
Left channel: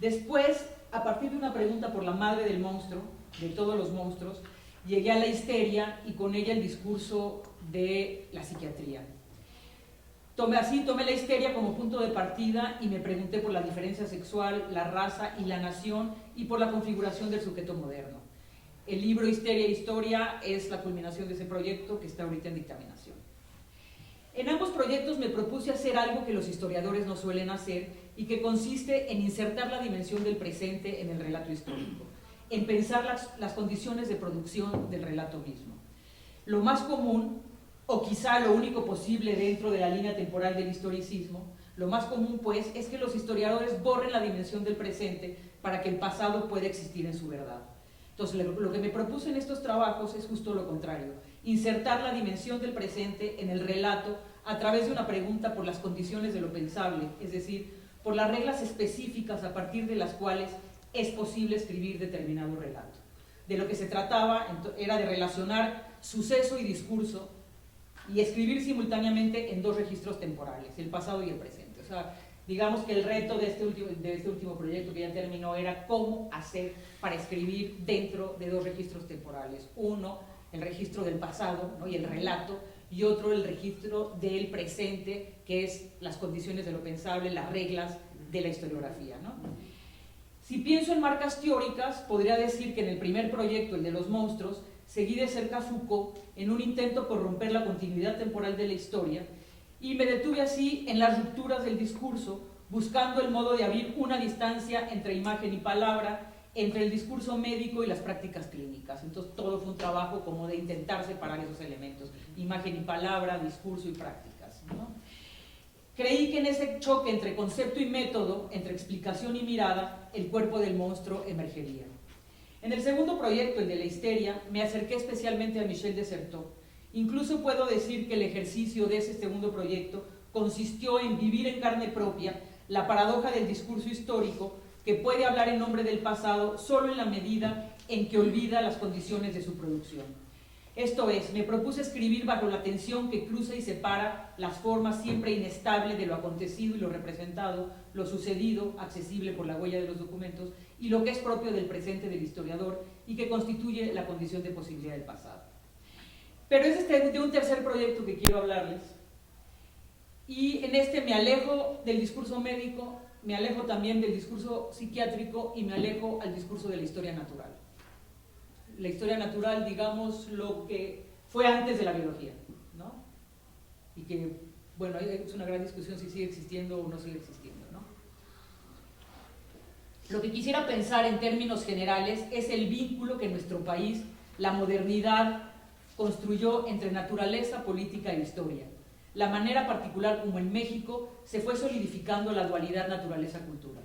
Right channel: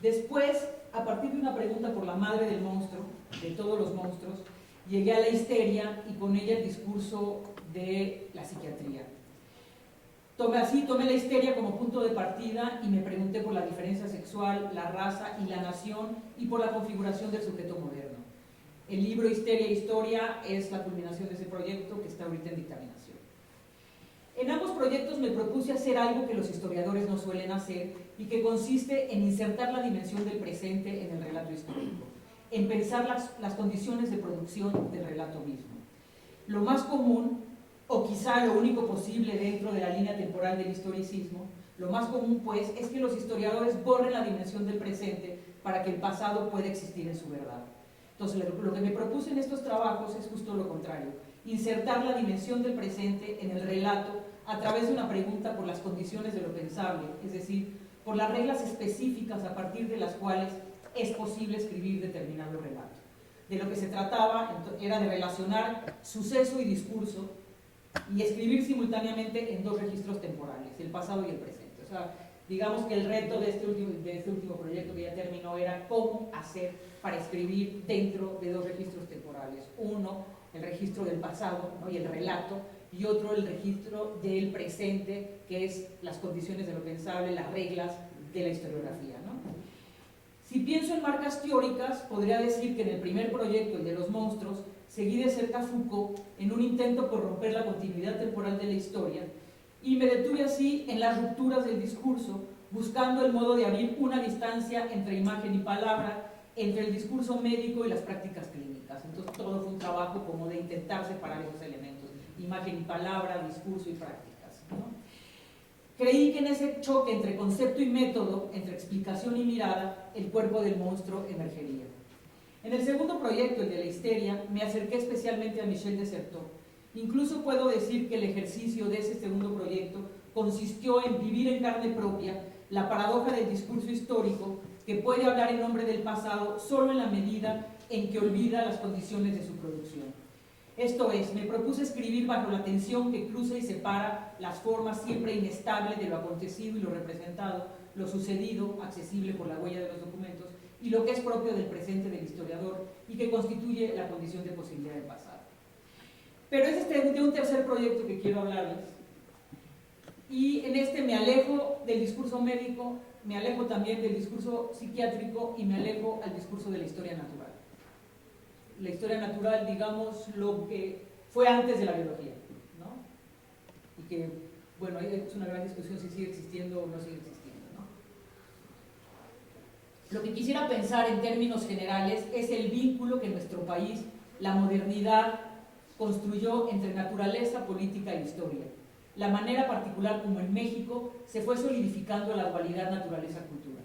Después, a partir de una pregunta por la madre del monstruo, de todos los monstruos, llegué a la histeria y con ella el discurso de la psiquiatría. Tomé la histeria como punto de partida y me pregunté por la diferencia sexual, la raza y la nación, y por la configuración del sujeto moderno. El libro Histeria e Historia es la culminación de ese proyecto que está ahorita en dictaminación. En ambos proyectos me propuse hacer algo que los historiadores no suelen hacer y que consiste en insertar la dimensión del presente en el relato histórico, en pensar las condiciones de producción del relato mismo. Lo más común, o quizá lo único posible dentro de la línea temporal del historicismo, lo más común pues es que los historiadores borren la dimensión del presente para que el pasado pueda existir en su verdad. Entonces lo que me propuse en estos trabajos es justo lo contrario: insertar la dimensión del presente en el relato a través de una pregunta por las condiciones de lo pensable, es decir, por las reglas específicas a partir de las cuales es posible escribir determinado relato. De lo que se trataba era de relacionar suceso y discurso y escribir simultáneamente en 2 registros temporales, el pasado y el presente. O sea, digamos que el reto de este último proyecto que ya terminó era cómo hacer para escribir dentro de 2 registros temporales. Uno, el registro del pasado, ¿no?, y el relato, y otro, el registro del presente, que es las condiciones de lo pensable, las reglas de la historiografía, ¿no? Si pienso en marcas teóricas, podría decir que en el primer proyecto, el de los monstruos, seguí de cerca a Foucault en un intento por romper la continuidad temporal de la historia, y me detuve así en las rupturas del discurso, buscando el modo de abrir una distancia entre imagen y palabra, entre el discurso médico y las prácticas clínicas. Entonces todo fue un trabajo como de intentar separar esos elementos: imagen y palabra, discurso y prácticas, ¿no? Creí que en ese choque entre concepto y método, entre explicación y mirada, el cuerpo del monstruo emergería. En el segundo proyecto, el de la histeria, me acerqué especialmente a Michel Desserteaux. Incluso puedo decir que el ejercicio de ese segundo proyecto consistió en vivir en carne propia la paradoja del discurso histórico, que puede hablar en nombre del pasado solo en la medida en que olvida las condiciones de su producción. Esto es, me propuse escribir bajo la tensión que cruza y separa las formas siempre inestables de lo acontecido y lo representado, lo sucedido, accesible por la huella de los documentos, y lo que es propio del presente del historiador y que constituye la condición de posibilidad del pasado. Pero es de un tercer proyecto que quiero hablarles, y en este me alejo del discurso médico, me alejo también del discurso psiquiátrico y me alejo al discurso de la historia natural. La historia natural, digamos, lo que fue antes de la biología, ¿no? Y que, bueno, es una gran discusión si sigue existiendo o no sigue existiendo, ¿no? Lo que quisiera pensar en términos generales es el vínculo que en nuestro país la modernidad construyó entre naturaleza, política e historia. La manera particular como en México se fue solidificando la dualidad naturaleza-cultura.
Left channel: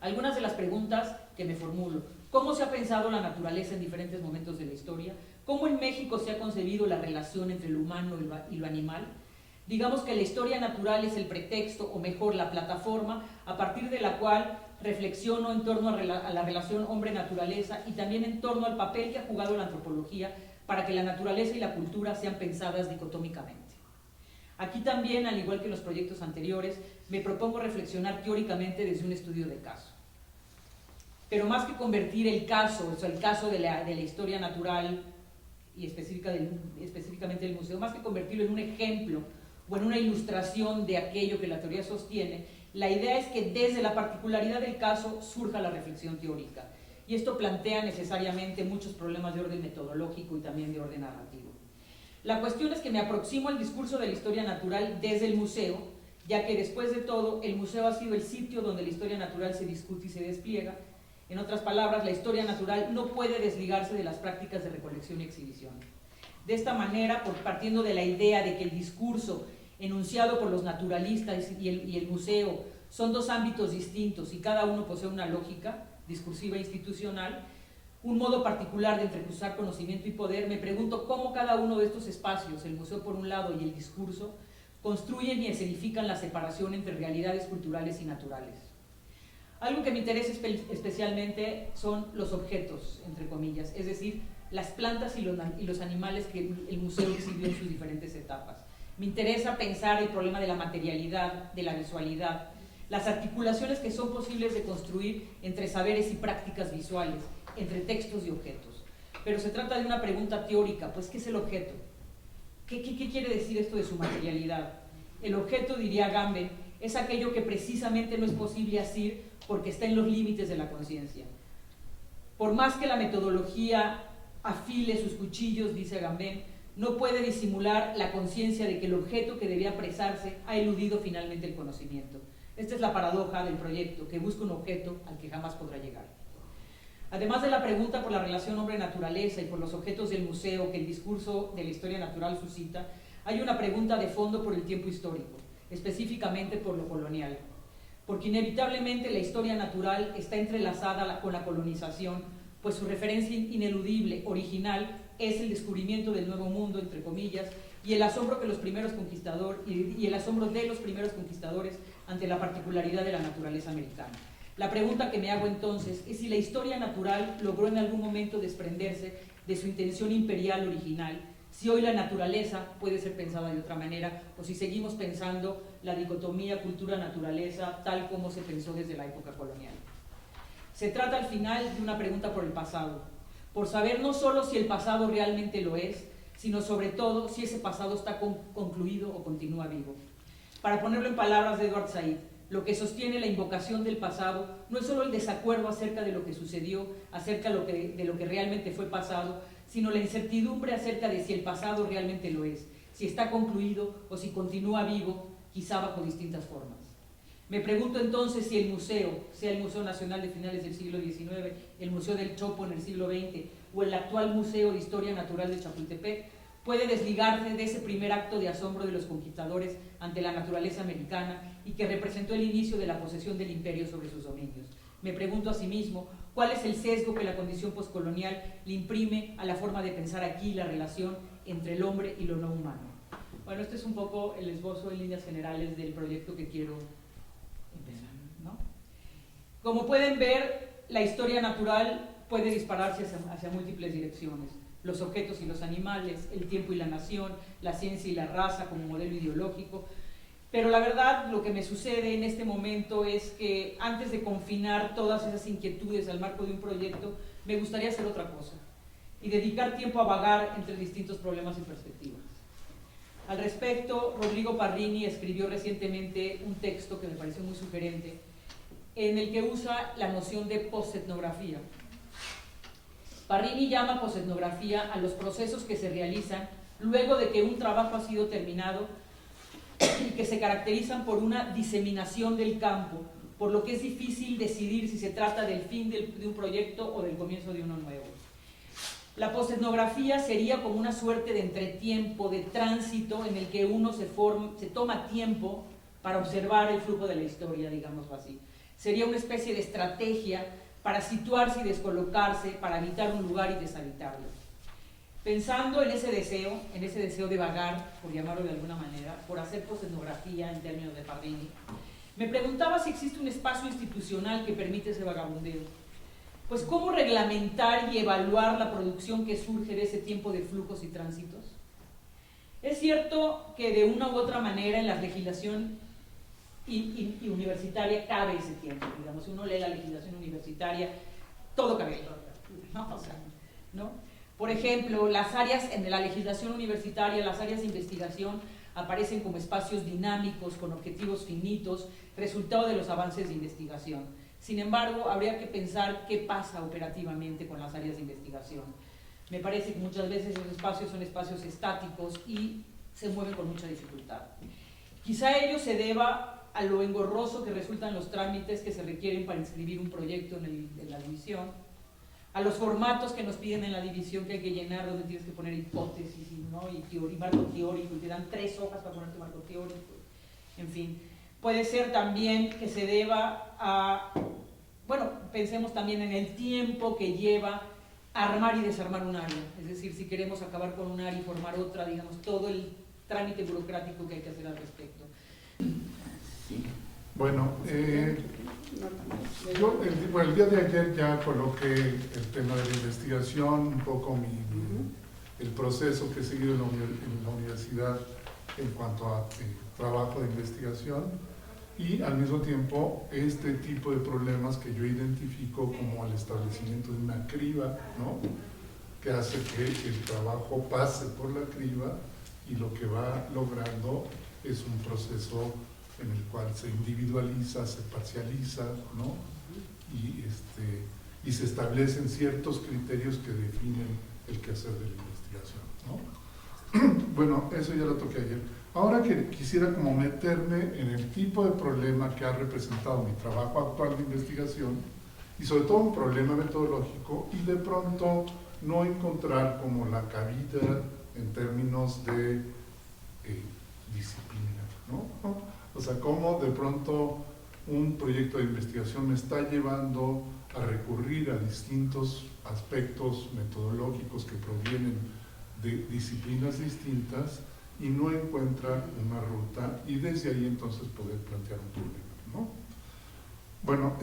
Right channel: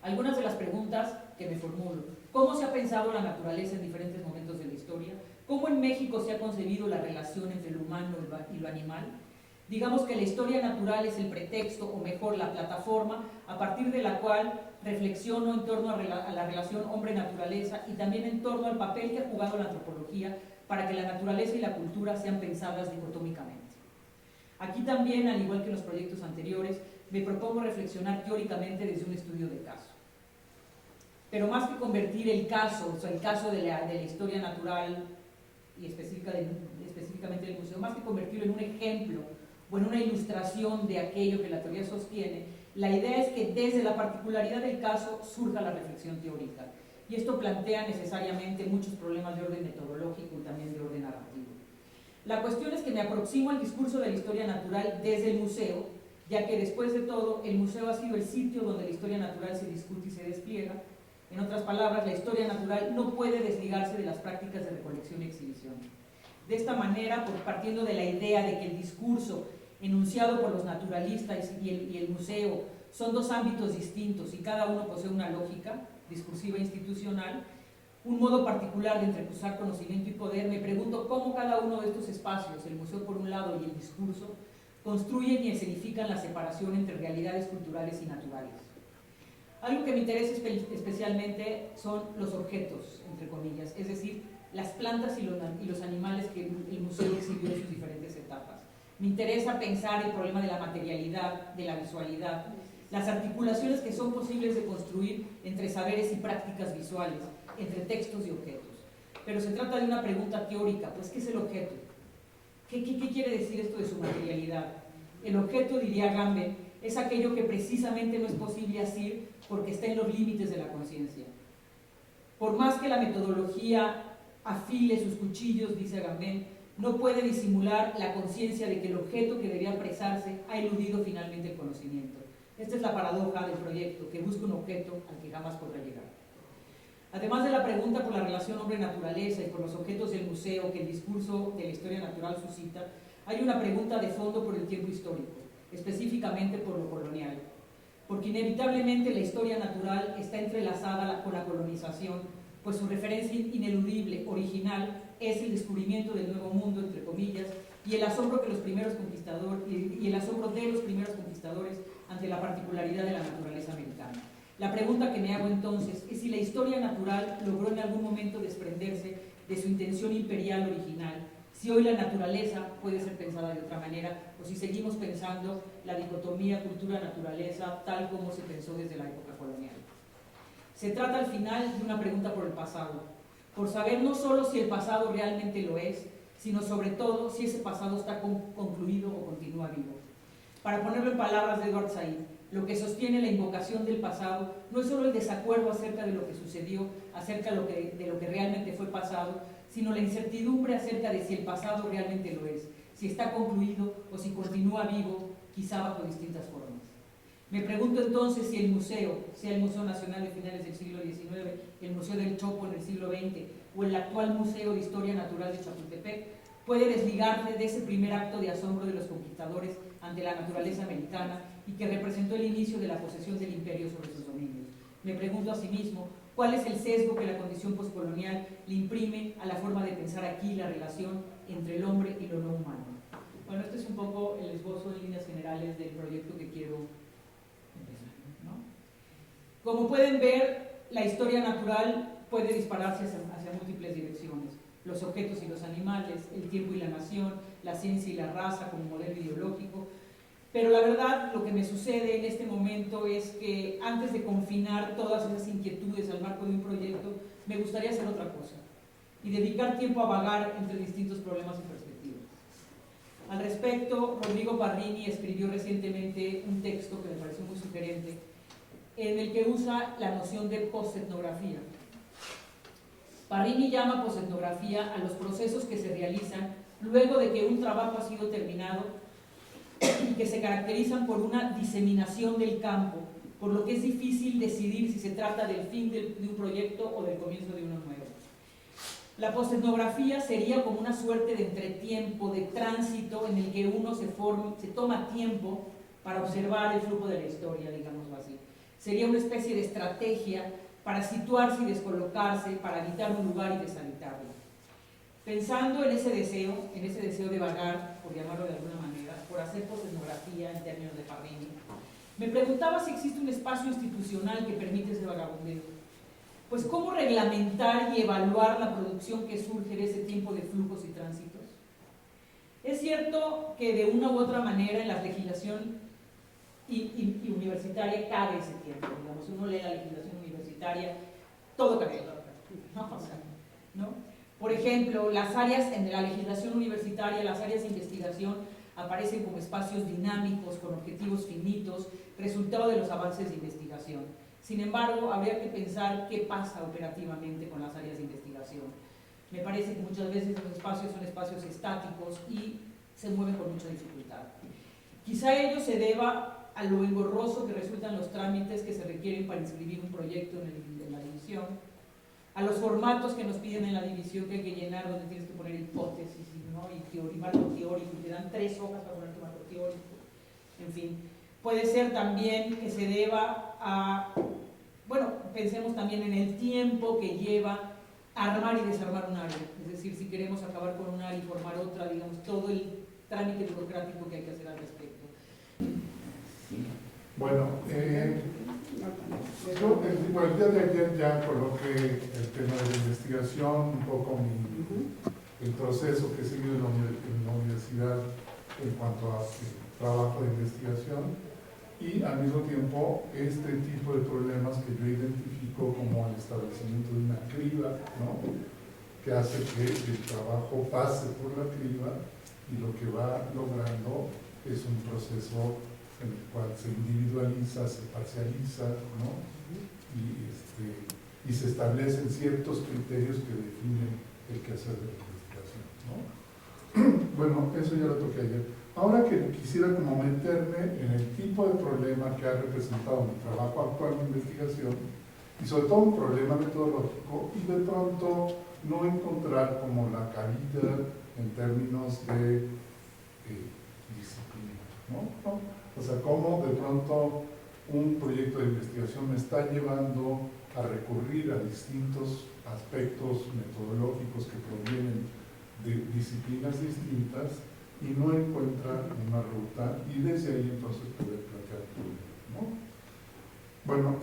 Algunas de las preguntas que me formulo: ¿cómo se ha pensado la naturaleza en diferentes momentos de la historia? ¿Cómo en México se ha concebido la relación entre lo humano y lo animal? Digamos que la historia natural es el pretexto, o mejor, la plataforma a partir de la cual reflexiono en torno a la relación hombre-naturaleza y también en torno al papel que ha jugado la antropología para que la naturaleza y la cultura sean pensadas dicotómicamente. Aquí también, al igual que en los proyectos anteriores, me propongo reflexionar teóricamente desde un estudio de caso. Pero más que convertir el caso, o sea, el caso de la historia natural y específicamente del museo, más que convertirlo en un ejemplo o en una ilustración de aquello que la teoría sostiene, la idea es que desde la particularidad del caso surja la reflexión teórica. Y esto plantea necesariamente muchos problemas de orden metodológico y también de orden narrativo. La cuestión es que me aproximo al discurso de la historia natural desde el museo, ya que después de todo, el museo ha sido el sitio donde la historia natural se discute y se despliega. En otras palabras, la historia natural no puede desligarse de las prácticas de recolección y exhibición. De esta manera, partiendo de la idea de que el discurso enunciado por los naturalistas y el museo son dos ámbitos distintos y cada uno posee una lógica discursiva e institucional, un modo particular de entrecruzar conocimiento y poder, me pregunto cómo cada uno de estos espacios, el museo por un lado y el discurso, construyen y escenifican la separación entre realidades culturales y naturales. Algo que me interesa especialmente son los objetos, entre comillas, es decir, las plantas y los animales que el museo exhibió en sus diferentes etapas. Me interesa pensar el problema de la materialidad, de la visualidad, las articulaciones que son posibles de construir entre saberes y prácticas visuales, entre textos y objetos. Pero se trata de una pregunta teórica, pues ¿qué es el objeto? ¿Qué quiere decir esto de su materialidad? El objeto, diría Agamben, es aquello que precisamente no es posible asir porque está en los límites de la conciencia. Por más que la metodología afile sus cuchillos, dice Agamben, no puede disimular la conciencia de que el objeto que debía apresarse ha eludido finalmente el conocimiento. Esta es la paradoja del proyecto, que busca un objeto al que jamás podrá llegar. Además de la pregunta por la relación hombre-naturaleza y por los objetos del museo que el discurso de la historia natural suscita, hay una pregunta de fondo por el tiempo histórico, específicamente por lo colonial. Porque inevitablemente la historia natural está entrelazada con la colonización, pues su referencia ineludible, original, es el descubrimiento del nuevo mundo, entre comillas, y el asombro que los primeros conquistadores, y el asombro de los primeros conquistadores ante la particularidad de la naturaleza americana. La pregunta que me hago entonces es si la historia natural logró en algún momento desprenderse de su intención imperial original, si hoy la naturaleza puede ser pensada de otra manera, o si seguimos pensando la dicotomía cultura-naturaleza tal como se pensó desde la época colonial. Se trata al final de una pregunta por el pasado, por saber no solo si el pasado realmente lo es, sino sobre todo si ese pasado está concluido o continúa vivo. Para ponerlo en palabras de Edward Said, lo que sostiene la invocación del pasado no es solo el desacuerdo acerca de lo que sucedió, acerca de lo que realmente fue pasado, sino la incertidumbre acerca de si el pasado realmente lo es, si está concluido o si continúa vivo, quizá bajo distintas formas. Me pregunto entonces si el museo, sea el Museo Nacional de finales del siglo XIX, el Museo del Chopo en el siglo XX o el actual Museo de Historia Natural de Chapultepec, puede desligarse de ese primer acto de asombro de los conquistadores ante la naturaleza americana y que representó el inicio de la posesión del imperio sobre sus dominios. Me pregunto asimismo, ¿cuál es el sesgo que la condición postcolonial le imprime a la forma de pensar aquí la relación entre el hombre y lo no humano? Bueno, este es un poco el esbozo en líneas generales del proyecto que quiero empezar, ¿no? Como pueden ver, la historia natural puede dispararse hacia múltiples direcciones. Los objetos y los animales, el tiempo y la nación, la ciencia y la raza como modelo ideológico. Pero la verdad, lo que me sucede en este momento es que antes de confinar todas esas inquietudes al marco de un proyecto, me gustaría hacer otra cosa y dedicar tiempo a vagar entre distintos problemas y perspectivas. Al respecto, Rodrigo Parrini escribió recientemente un texto que me pareció muy sugerente, en el que usa la noción de posetnografía. Parrini llama posetnografía a los procesos que se realizan luego de que un trabajo ha sido terminado y que se caracterizan por una diseminación del campo, por lo que es difícil decidir si se trata del fin de un proyecto o del comienzo de uno nuevo. La posetnografía sería como una suerte de entretiempo, de tránsito en el que uno se toma tiempo para observar el flujo de la historia, digámoslo así. Sería una especie de estrategia para situarse y descolocarse, para habitar un lugar y deshabitarlo. Pensando en ese deseo de vagar, por llamarlo de alguna manera, por hacer posetnografía en términos de Parrini, me preguntaba si existe un espacio institucional que permite ese vagabundeo. Pues, ¿cómo reglamentar y evaluar la producción que surge de ese tiempo de flujos y tránsitos? Es cierto que de una u otra manera en la legislación y universitaria cabe ese tiempo, digamos, si uno lee la legislación universitaria, todo cabe, ¿no? Por ejemplo, las áreas en la legislación universitaria, las áreas de investigación aparecen como espacios dinámicos, con objetivos finitos, resultado de los avances de investigación. Sin embargo, habría que pensar qué pasa operativamente con las áreas de investigación. Me parece que muchas veces los espacios son espacios estáticos y se mueven con mucha dificultad. Quizá ello se deba a lo engorroso que resultan los trámites que se requieren para inscribir un proyecto en la admisión, a los formatos que nos piden en la división que hay que llenar, donde tienes que poner hipótesis, ¿no? Y marco teórico, y te dan 3 hojas para poner tu marco teórico, en fin. Puede ser también que se deba a, bueno, pensemos también en el tiempo que lleva armar y desarmar un área, es decir, si queremos acabar con un área y formar otra, digamos, todo el trámite burocrático que hay que hacer al respecto. Bueno, yo el día de ayer ya coloqué el tema de la investigación, un poco el proceso que he seguido en la universidad en cuanto a trabajo de investigación, y al mismo tiempo este tipo de problemas que yo identifico como el establecimiento de una criba, ¿no?, que hace que el trabajo pase por la criba, y lo que va logrando es un proceso en el cual se individualiza, se parcializa, ¿no?, y se establecen ciertos criterios que definen el quehacer de la investigación, ¿no? Bueno, eso ya lo toqué ayer. Ahora que quisiera como meterme en el tipo de problema que ha representado mi trabajo actual de investigación, y sobre todo un problema metodológico, y de pronto no encontrar como la cabida en términos de disciplina, ¿no? O sea, cómo de pronto un proyecto de investigación me está llevando a recurrir a distintos aspectos metodológicos que provienen de disciplinas distintas, y no encuentra una ruta, y desde ahí entonces poder plantear un problema, ¿no? Bueno,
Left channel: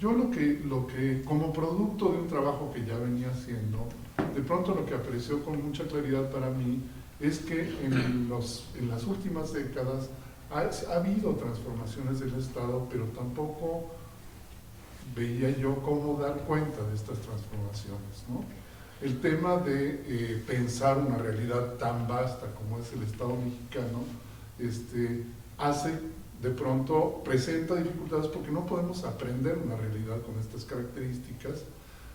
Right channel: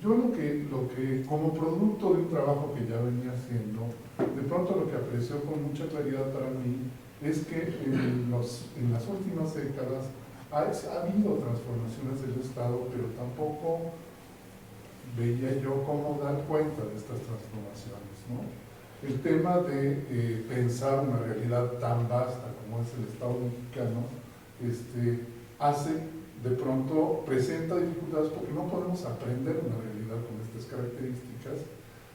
yo lo que como producto de un trabajo que ya venía haciendo, de pronto lo que apreció con mucha claridad para mí es que en las últimas décadas ha habido transformaciones del Estado, pero tampoco veía yo cómo dar cuenta de estas transformaciones, ¿no? El tema de pensar una realidad tan vasta como es el Estado mexicano, presenta dificultades porque no podemos aprender una realidad con estas características,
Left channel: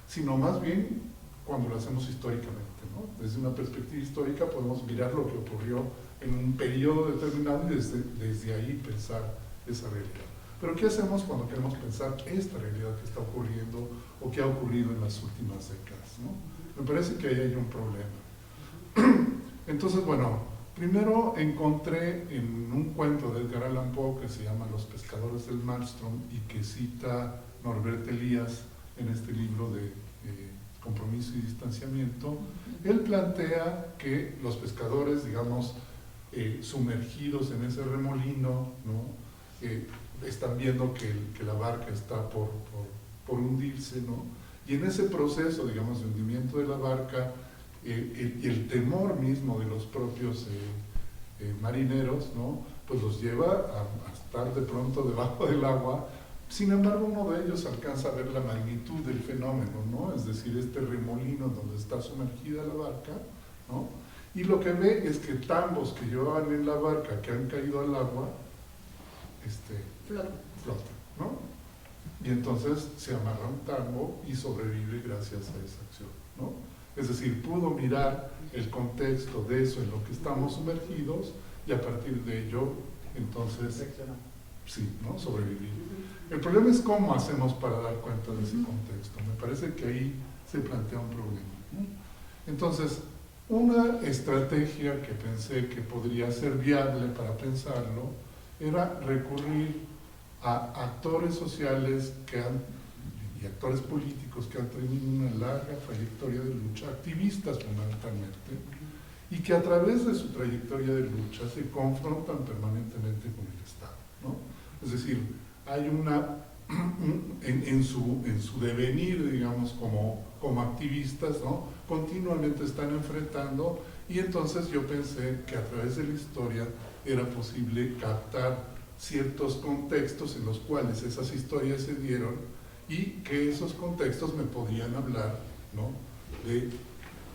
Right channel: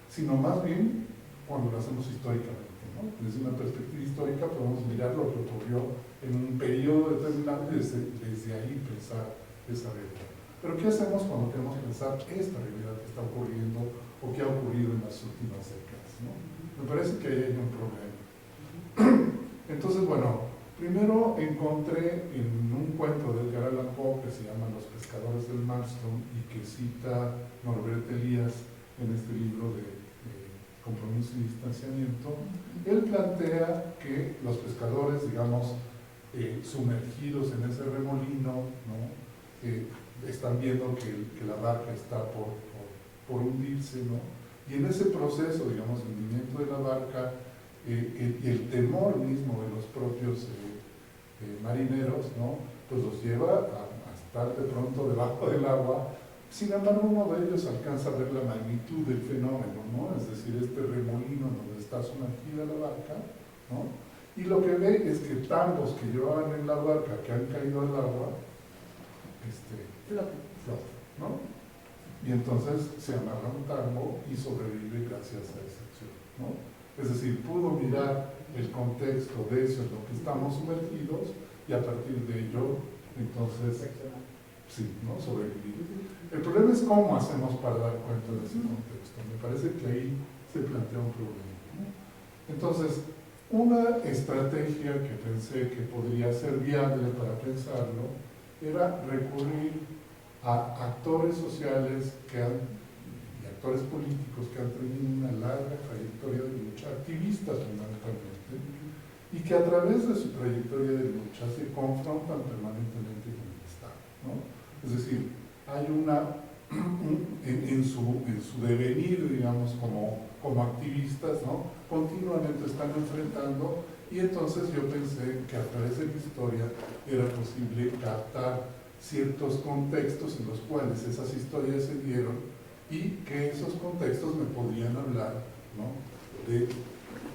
sino más bien cuando lo hacemos históricamente, ¿no? Desde una perspectiva histórica podemos mirar lo que ocurrió en un periodo determinado y desde ahí pensar esa realidad. Pero ¿qué hacemos cuando queremos pensar esta realidad que está ocurriendo o que ha ocurrido en las últimas décadas, ¿no? Me parece que ahí hay un problema. Entonces, bueno, primero encontré en un cuento de Edgar Allan Poe que se llama Los pescadores del Maelstrom y que cita Norbert Elias en este libro de Compromiso y Distanciamiento. Él plantea que los pescadores, digamos, sumergidos en ese remolino, ¿no?, están viendo que la barca está por hundirse, ¿no? Y en ese proceso, digamos, de hundimiento de la barca, y el temor mismo de los propios marineros, ¿no?, pues los lleva a estar de pronto debajo del agua. Sin embargo, uno de ellos alcanza a ver la magnitud del fenómeno, ¿no?, es decir, este remolino donde está sumergida la barca, ¿no?, y lo que ve es que tambos que llevaban en la barca, que han caído al agua, flotan, ¿no? Y entonces se amarra un tambo y sobrevive gracias a esa acción, ¿no? Es decir, pudo mirar el contexto de eso en lo que estamos sumergidos y a partir de ello, entonces, sí, ¿no?, sobrevivir. El problema es cómo hacemos para dar cuenta de ese contexto. Me parece que ahí se plantea un problema, ¿no? Entonces, una estrategia que pensé que podría ser viable para pensarlo era recurrir a actores sociales y actores políticos que han tenido una larga trayectoria de lucha, activistas fundamentalmente, y que a través de su trayectoria de lucha se confrontan permanentemente con el Estado, ¿no? Es decir, hay en su devenir, digamos, como activistas, ¿no?, continuamente están enfrentando, y entonces yo pensé que a través de la historia era posible captar ciertos contextos en los cuales esas historias se dieron y que esos contextos me podían hablar, ¿no?, de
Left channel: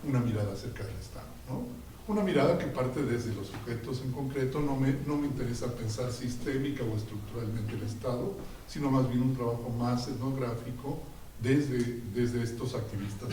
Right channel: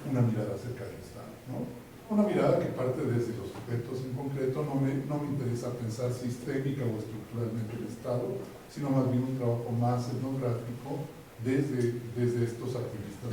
una mirada acerca del Estado, ¿no? Una mirada que parte desde los sujetos en concreto. No me interesa pensar sistémica o estructuralmente el Estado, sino más bien un trabajo más etnográfico desde estos activistas.